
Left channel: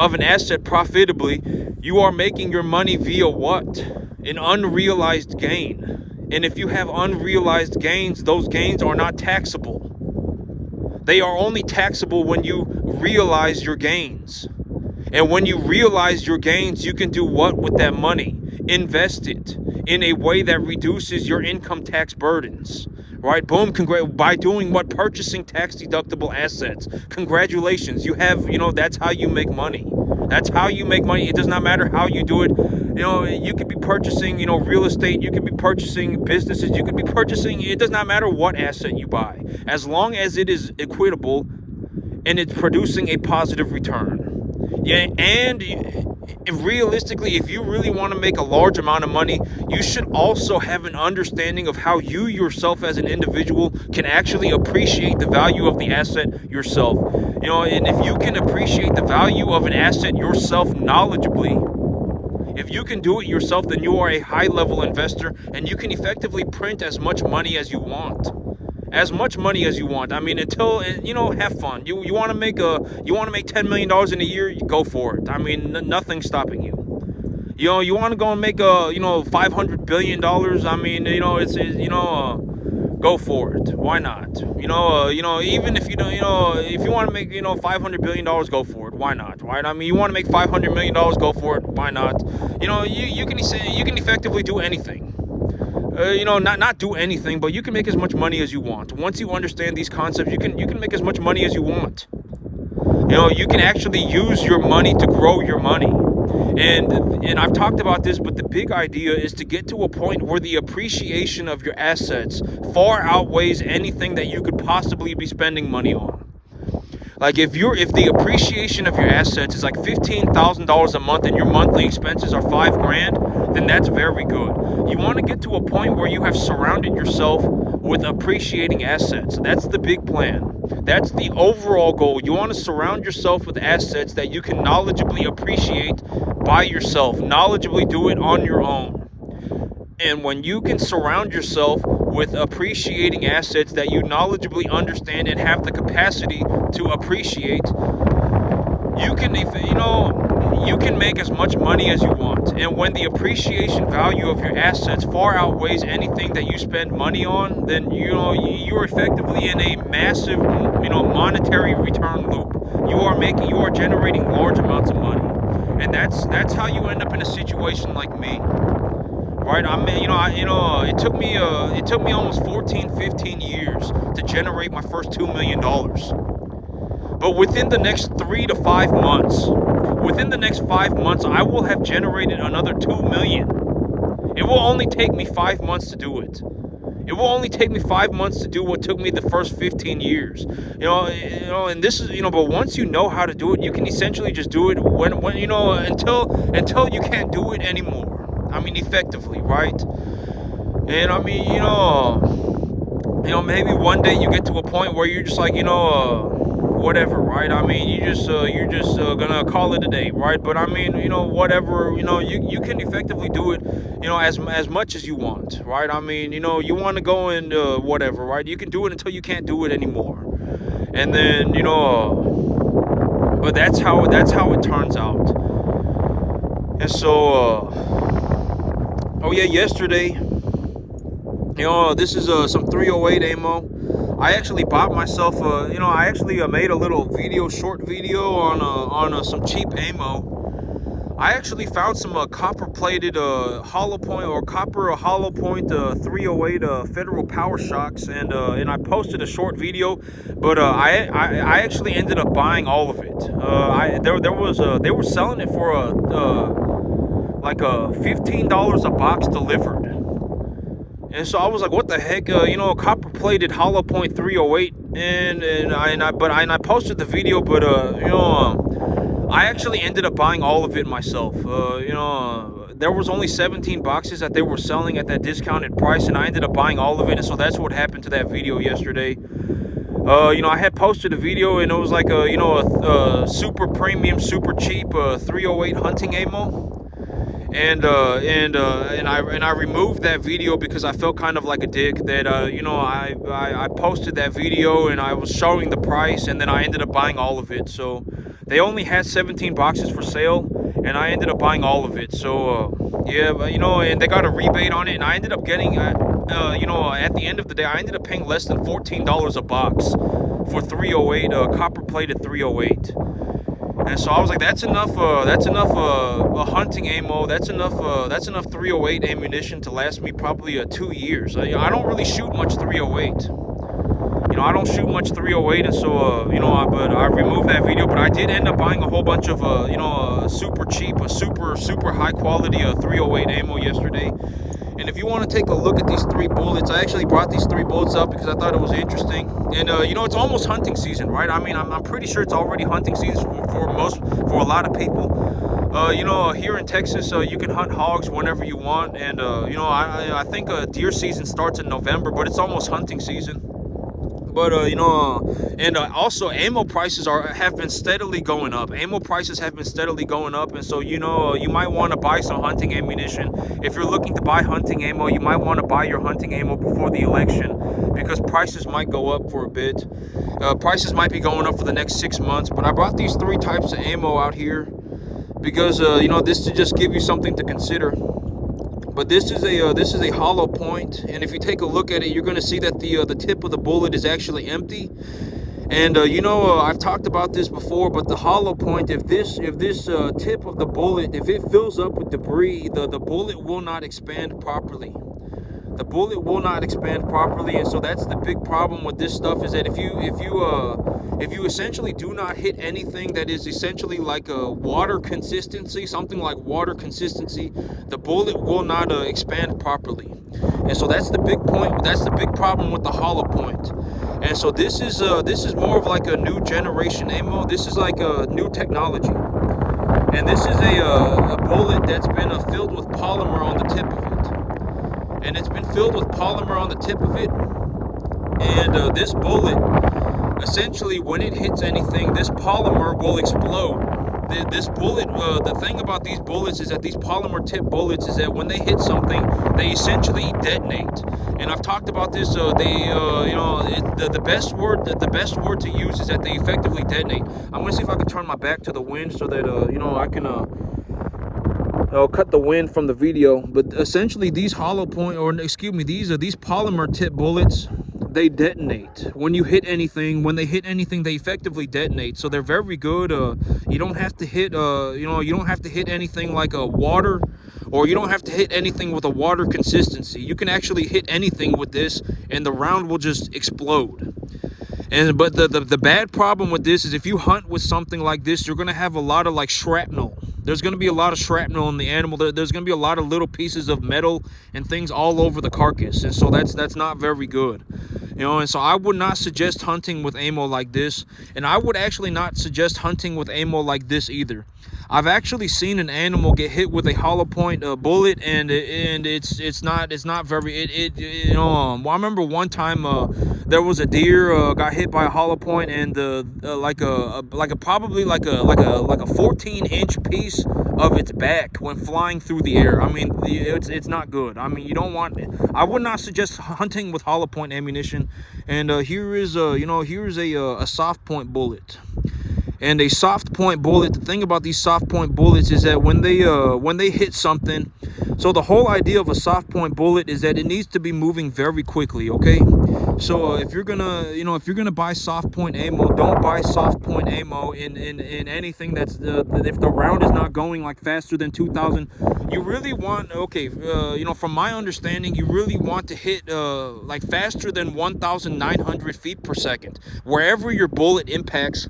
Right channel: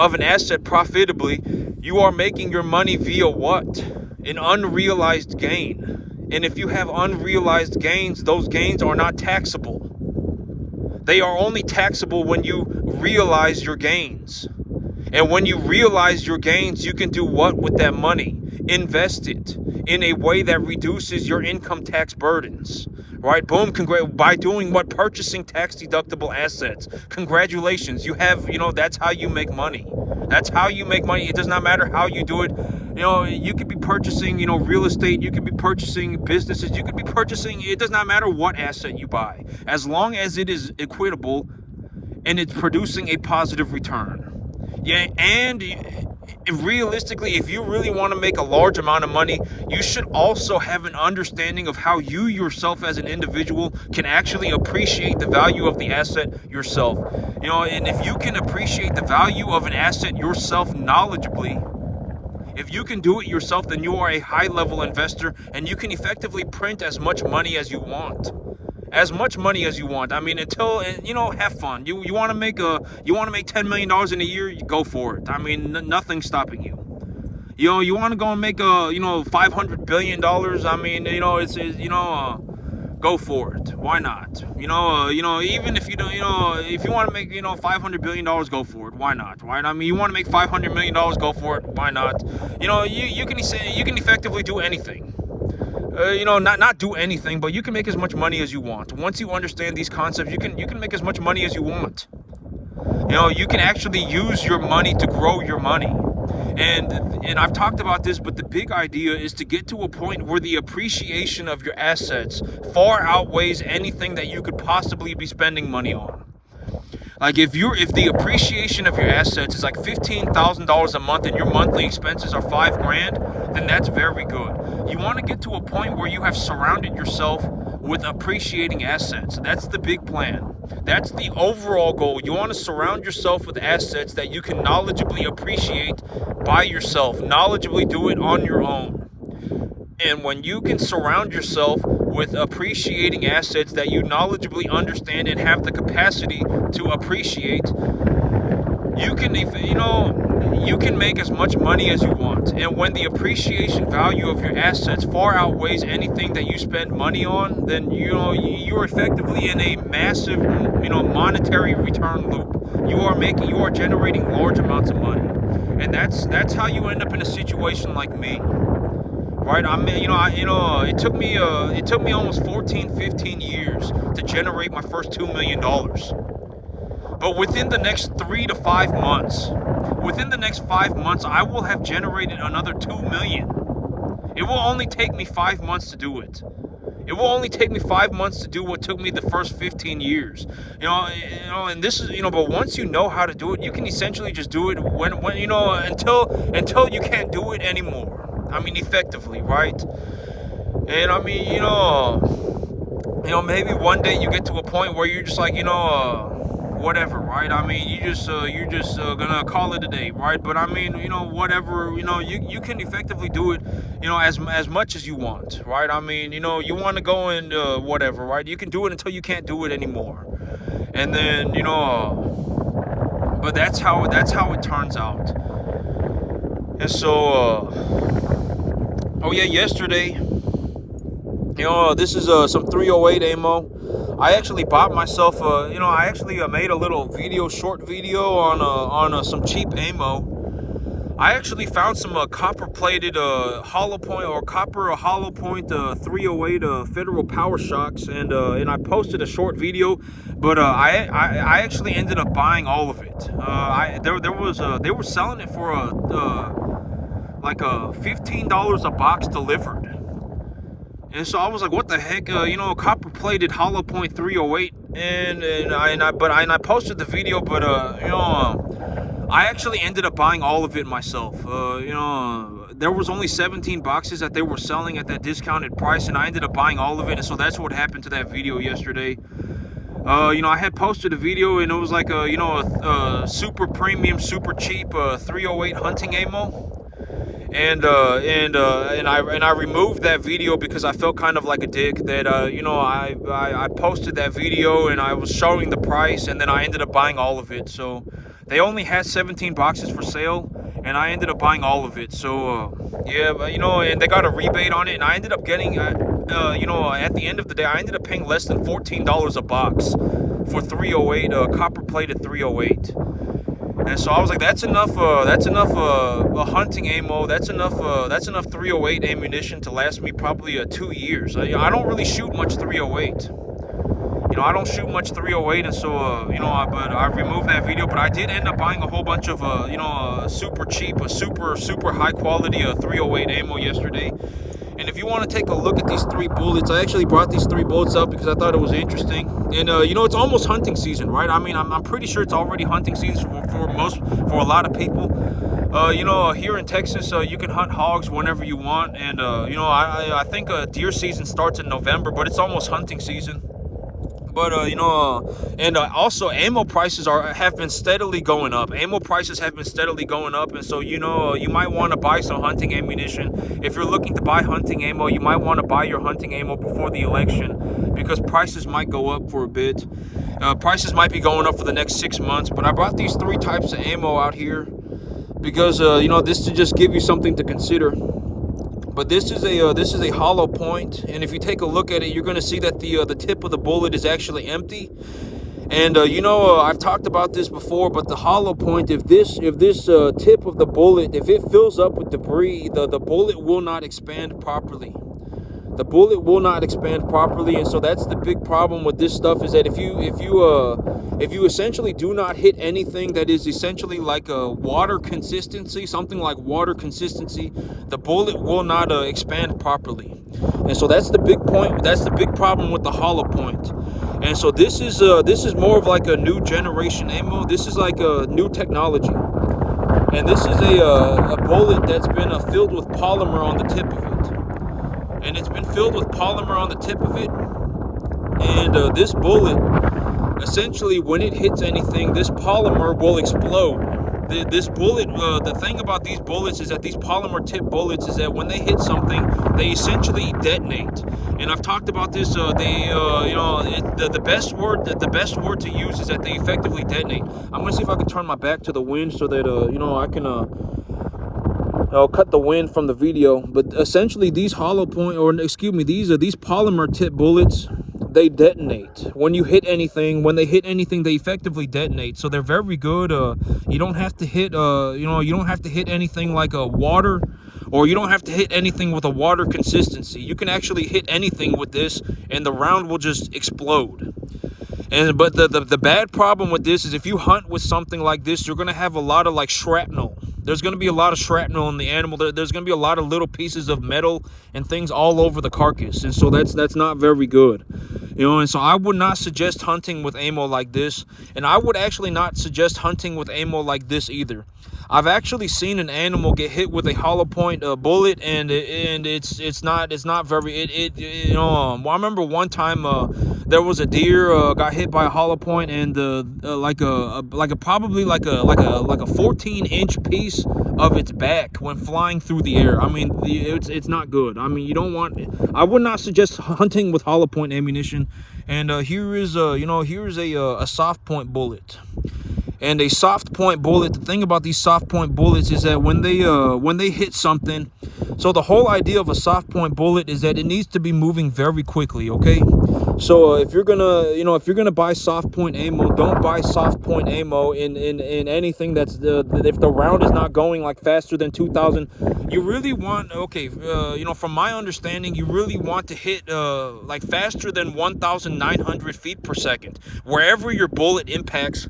of an asset profitably, you are making your money via what? An unrealized gain. And if you have unrealized gains, those gains are not taxable. They are only taxable when you realize your gains. And when you realize your gains, you can do what with that money? Invest it in a way that reduces your income tax burdens. Right? Boom. By doing what? Purchasing tax deductible assets. Congratulations. You have, that's how you make money. That's how you make money. It does not matter how you do it. You could be purchasing, real estate. You could be purchasing businesses. You could be purchasing, it does not matter what asset you buy. As long as it is equitable and it's producing a positive return. Yeah, and realistically, if you really want to make a large amount of money, you should also have an understanding of how you yourself as an individual can actually appreciate the value of the asset yourself. And if you can appreciate the value of an asset yourself knowledgeably, if you can do it yourself, then you are a high-level investor, and you can effectively print as much money as you want. As much money as you want. I mean, until, have fun. You want to make $10 million in a year, go for it. I mean, nothing's stopping you. You want to go and make $500 billion. I mean, go for it. Why not? Even if if you want to make $500 billion, go for it. Why not? Right? I mean, you want to make $500 million, go for it. Why not? You can effectively do anything. Not do anything, but you can make as much money as you want. Once you understand these concepts, you can make as much money as you want. You can actually use your money to grow your money. And I've talked about this, but the big idea is to get to a point where the appreciation of your assets far outweighs anything that you could possibly be spending money on. Like if the appreciation of your assets is like $15,000 a month and your monthly expenses are $5,000, then that's very good. You want to get to a point where you have surrounded yourself with appreciating assets. That's the big plan. That's the overall goal. You want to surround yourself with assets that you can knowledgeably appreciate by yourself, knowledgeably do it on your own. And when you can surround yourself with appreciating assets that you knowledgeably understand and have the capacity to appreciate, you can make as much money as you want. And when the appreciation value of your assets far outweighs anything that you spend money on, then you're effectively in a massive monetary return loop. You are generating large amounts of money. And that's how you end up in a situation like me. Right? I mean, it took me almost 15 years to generate my first $2 million. But within the next 3 to 5 months, I will have generated another $2 million. It will only take me 5 months to do it. It will only take me 5 months to do what took me the first 15 years. And this is, but once you know how to do it, you can essentially just do it when until you can't do it anymore. I mean, effectively, right? And I mean, maybe one day you get to a point where you're just like, whatever, right? I mean, you're just gonna call it a day, right? But I mean, whatever, you can effectively do it, as much as you want, right? I mean, you want to go and whatever, right? You can do it until you can't do it anymore, and then but that's how it turns out. And so, oh yeah, yesterday, this is some 308 ammo. I actually bought myself I actually made a little short video on some cheap ammo. I actually found some copper-plated hollow point 308 Federal Power Shocks, and I posted a short video, but I actually ended up buying all of it. They were selling it for like $15 a box delivered. And so I was like, what the heck, copper-plated hollow point 308, and I posted the video, but I actually ended up buying all of it myself. There was only 17 boxes that they were selling at that discounted price, and I ended up buying all of it, and so that's what happened to that video yesterday. I had posted a video, and it was like a super premium, super cheap 308 hunting ammo. And I removed that video because I felt kind of like a dick that I posted that video and I was showing the price, and then I ended up buying all of it. So they only had 17 boxes for sale, and I ended up buying all of it. So yeah, but, and they got a rebate on it, and I ended up getting at the end of the day, I ended up paying less than $14 a box for 308, copper plated 308. And so I was like, that's enough hunting ammo. That's enough 308 ammunition to last me probably 2 years. I don't really shoot much 308. I don't shoot much 308, and so but I removed that video. But I did end up buying a whole bunch of super cheap, super high quality 308 ammo yesterday. And if you want to take a look at these 3 bullets, I actually brought these 3 bullets up because I thought it was interesting. And it's almost hunting season, right? I mean, I'm pretty sure it's already hunting season for a lot of people. Here in Texas, you can hunt hogs whenever you want, and I think deer season starts in November, but it's almost hunting season. But also ammo prices have been steadily going up. Ammo prices have been steadily going up, and so you might want to buy some hunting ammunition. If you're looking to buy hunting ammo, you might want to buy your hunting ammo before the election, because prices might go up for a bit. Prices might be going up for the next 6 months. But I brought these 3 types of ammo out here because this to just give you something to consider. But this is a hollow point, and if you take a look at it, you're going to see that the tip of the bullet is actually empty. And I've talked about this before, but the hollow point, if this tip of the bullet, if it fills up with debris, the bullet will not expand properly. The bullet will not expand properly, and so that's the big problem with this stuff, is that if you essentially do not hit anything that is essentially like a water consistency, something like water consistency, the bullet will not expand properly. And so that's the big point. That's the big problem with the hollow point. And so this is more of like a new generation ammo. This is like a new technology. And this is a bullet that's been filled with polymer on the tip of it. And it's been filled with polymer on the tip of it. And this bullet, essentially, when it hits anything, this polymer will explode. This bullet, the thing about these bullets is that these polymer tip bullets is that when they hit something, they essentially detonate. And I've talked about this. The best word to use is that they effectively detonate. I'm gonna see if I can turn my back to the wind so that I can cut the wind from the video. But essentially, these these polymer tip bullets, they detonate when you hit anything. When they hit anything, they effectively detonate. So they're very good. You don't have to hit you don't have to hit anything like a water, or you don't have to hit anything with a water consistency. You can actually hit anything with this, and the round will just explode. But the bad problem with this is if you hunt with something like this, you're gonna have a lot of like shrapnel. There's going to be a lot of shrapnel in the animal. There's going to be a lot of little pieces of metal and things all over the carcass, and so that's not very good. And so I would not suggest hunting with ammo like this, and I would actually not suggest hunting with ammo like this either. I've actually seen an animal get hit with a hollow point bullet, and it's not very. I remember one time there was a deer got hit by a hollow point, and probably like a 14-inch piece of its back went flying through the air. I mean, it's not good. I mean, you don't want. I would not suggest hunting with hollow point ammunition. And here is a soft point bullet. And a soft point bullet, the thing about these soft point bullets is that when they hit something, so the whole idea of a soft point bullet is that it needs to be moving very quickly, okay? So if you're gonna buy soft point ammo, don't buy soft point ammo in anything that's if the round is not going like faster than 2,000. You really want, from my understanding, you really want to hit like faster than 1,900 feet per second. Wherever your bullet impacts,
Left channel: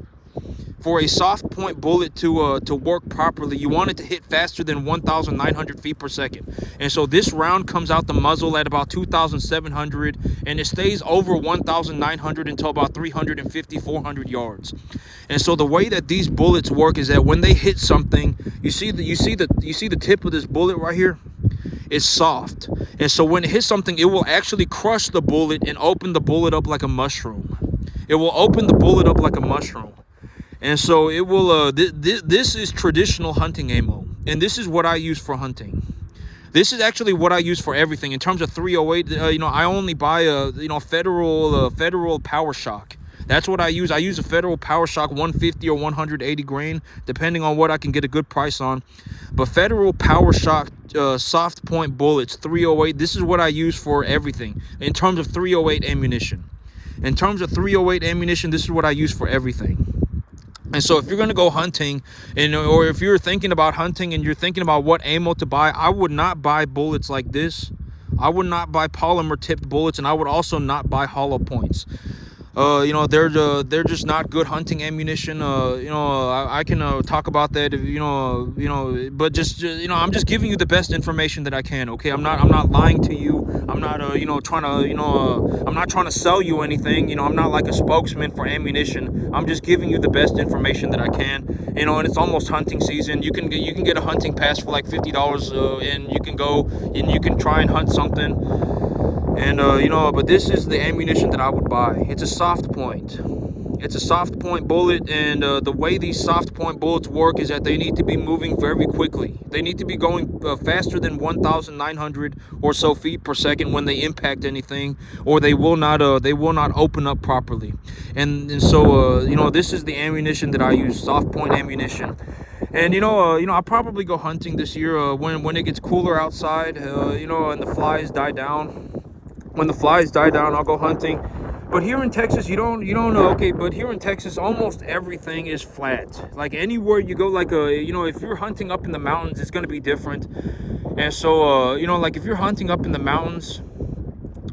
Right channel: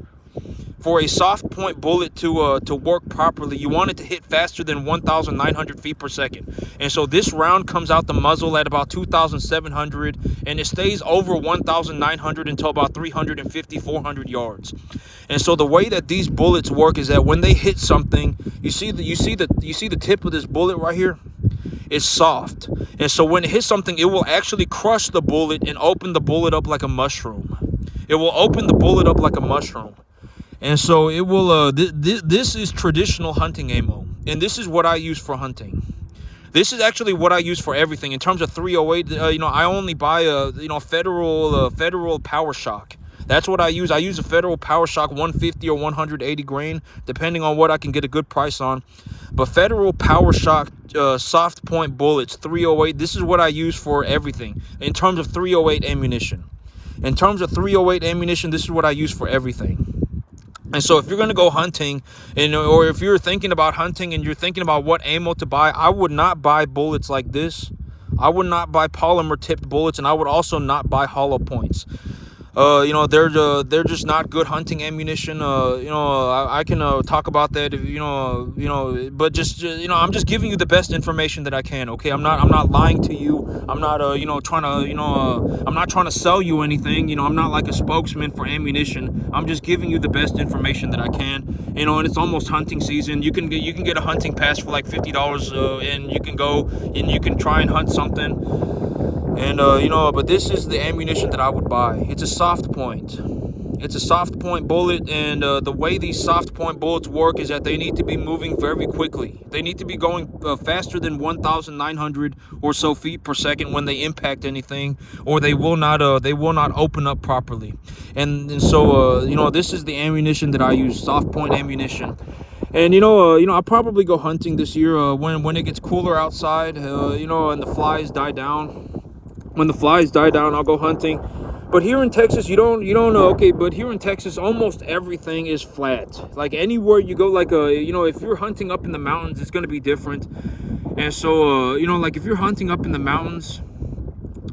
for a soft point bullet to work properly, you want it to hit faster than 1,900 feet per second. And so this round comes out the muzzle at about 2,700, and it stays over 1,900 until about 350, 400 yards. And so the way that these bullets work is that when they hit something, you see the tip of this bullet right here? It's soft. And so when it hits something, it will actually crush the bullet and open the bullet up like a mushroom. It will open the bullet up like a mushroom. And so it will. This is traditional hunting ammo. and this is what I use for hunting. This is actually what I use for everything. In terms of 308, you know, I only buy a, you know, federal Power Shock. That's what I use. I use a Federal Power Shock 150 or 180 grain, depending on what I can get a good price on. But Federal Power Shock soft point bullets 308, this is what I use for everything in terms of 308 ammunition. In terms of 308 ammunition, this is what I use for everything. And so if you're going to go hunting, and or if you're thinking about hunting and you're thinking about what ammo to buy, I would not buy bullets like this. I would not buy polymer tipped bullets, and I would also not buy hollow points. You know, they're just not good hunting ammunition. You know, I can talk about that if, you know, but just you know, I'm just giving you the best information that I can. Okay, I'm not lying to you. I'm not you know, trying to, you know, I'm not trying to sell you anything. You know, I'm not like a spokesman for ammunition. I'm just giving you the best information that I can. You know, and it's almost hunting season. You can get a hunting pass for like $50, and you can go and you can try and hunt something. And you know, but this is the ammunition that I would buy. It's a soft point. It's a soft point bullet, and the way these soft point bullets work is that they need to be moving very quickly. They need to be going faster than 1,900 or so feet per second when they impact anything, or they will not open up properly. And so you know, this is the ammunition that I use, soft point ammunition. And you know, I'll probably go hunting this year when it gets cooler outside. You know, and the flies die down. When the flies die down, I'll go hunting. But here in Texas, you don't know. Okay, but here in Texas, almost everything is flat. Like anywhere you go, like you know, if you're hunting up in the mountains, it's going to be different. And so you know, like if you're hunting up in the mountains,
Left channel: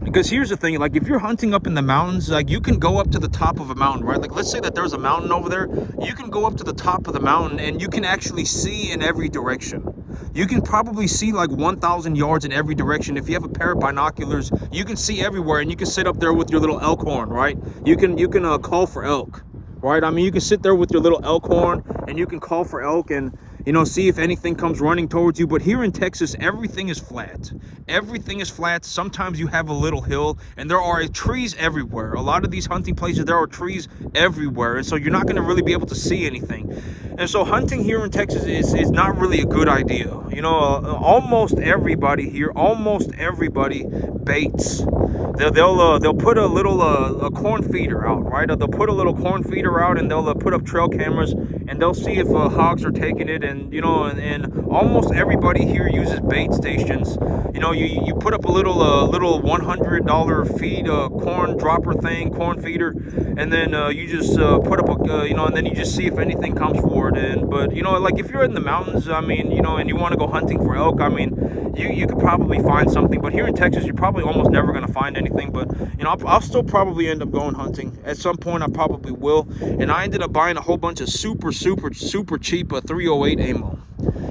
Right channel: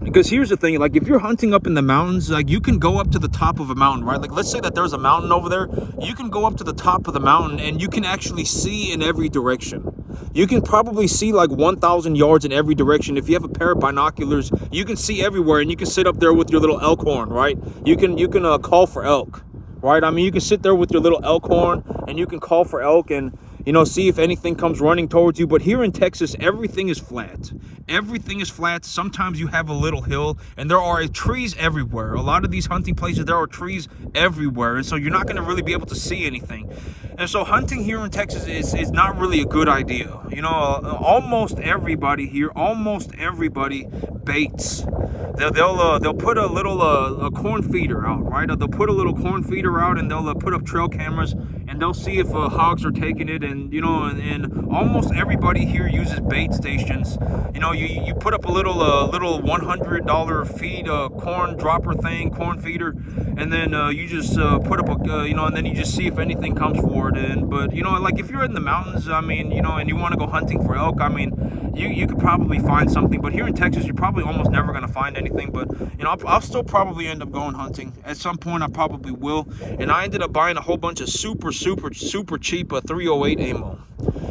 because here's the thing, like if you're hunting up in the mountains, like you can go up to the top of a mountain, right? Like let's say that there's a mountain over there. You can go up to the top of the mountain and you can actually see in every direction. You can probably see like 1,000 yards in every direction. If you have a pair of binoculars, you can see everywhere, and you can sit up there with your little elk horn, right? You can call for elk, right? I mean, you can sit there with your little elk horn and you can call for elk and, you know, see if anything comes running towards you. But here in Texas, everything is flat. Everything is flat. Sometimes you have a little hill, and there are trees everywhere. A lot of these hunting places, there are trees everywhere, and so you're not going to really be able to see anything. And so hunting here in Texas is not really a good idea. You know, almost everybody here, baits. They'll put a little a corn feeder out, right? They'll put a little corn feeder out, and they'll put up trail cameras, and they'll see if hogs are taking it. And you know, and almost everybody here uses bait stations. You know, you put up a little $100 feed corn dropper thing, corn feeder, and then you just put up a you know, and then you just see if anything comes forward. And but you know, like if you're in the mountains, I mean, you know, and you want to go hunting for elk, I mean, you could probably find something. But here in Texas, you're probably almost never going to find anything. But you know, I'll still probably end up going hunting at some point. I probably will. And I ended up buying a whole bunch of super cheap 308 ammo.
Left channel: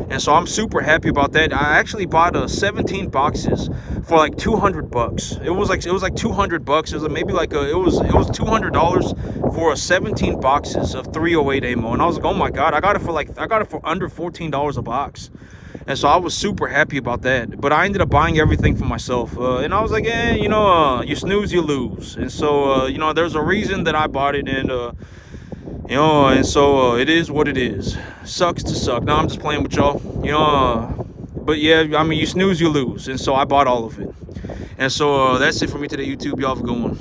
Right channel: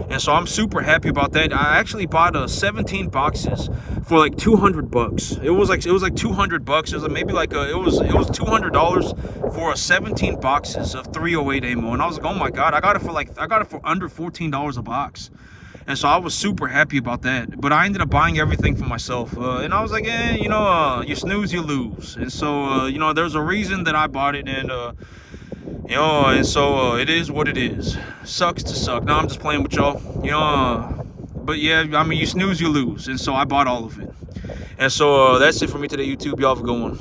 And so I'm super happy about that. I actually bought 17 boxes for like $200. It was like $200. It was maybe like it was $200 for 17 boxes of 308 ammo. And I was like, oh my god, I got it for under $14 a box. And so I was super happy about that. But I ended up buying everything for myself. And I was like, you know, you snooze, you lose. And so, you know, there's a reason that I bought it. And, you know, and so it is what it is. Sucks to suck. No, I'm just playing with y'all. You know, but yeah, I mean, you snooze, you lose. And so I bought all of it. And so that's it for me today, YouTube. Y'all have a good one.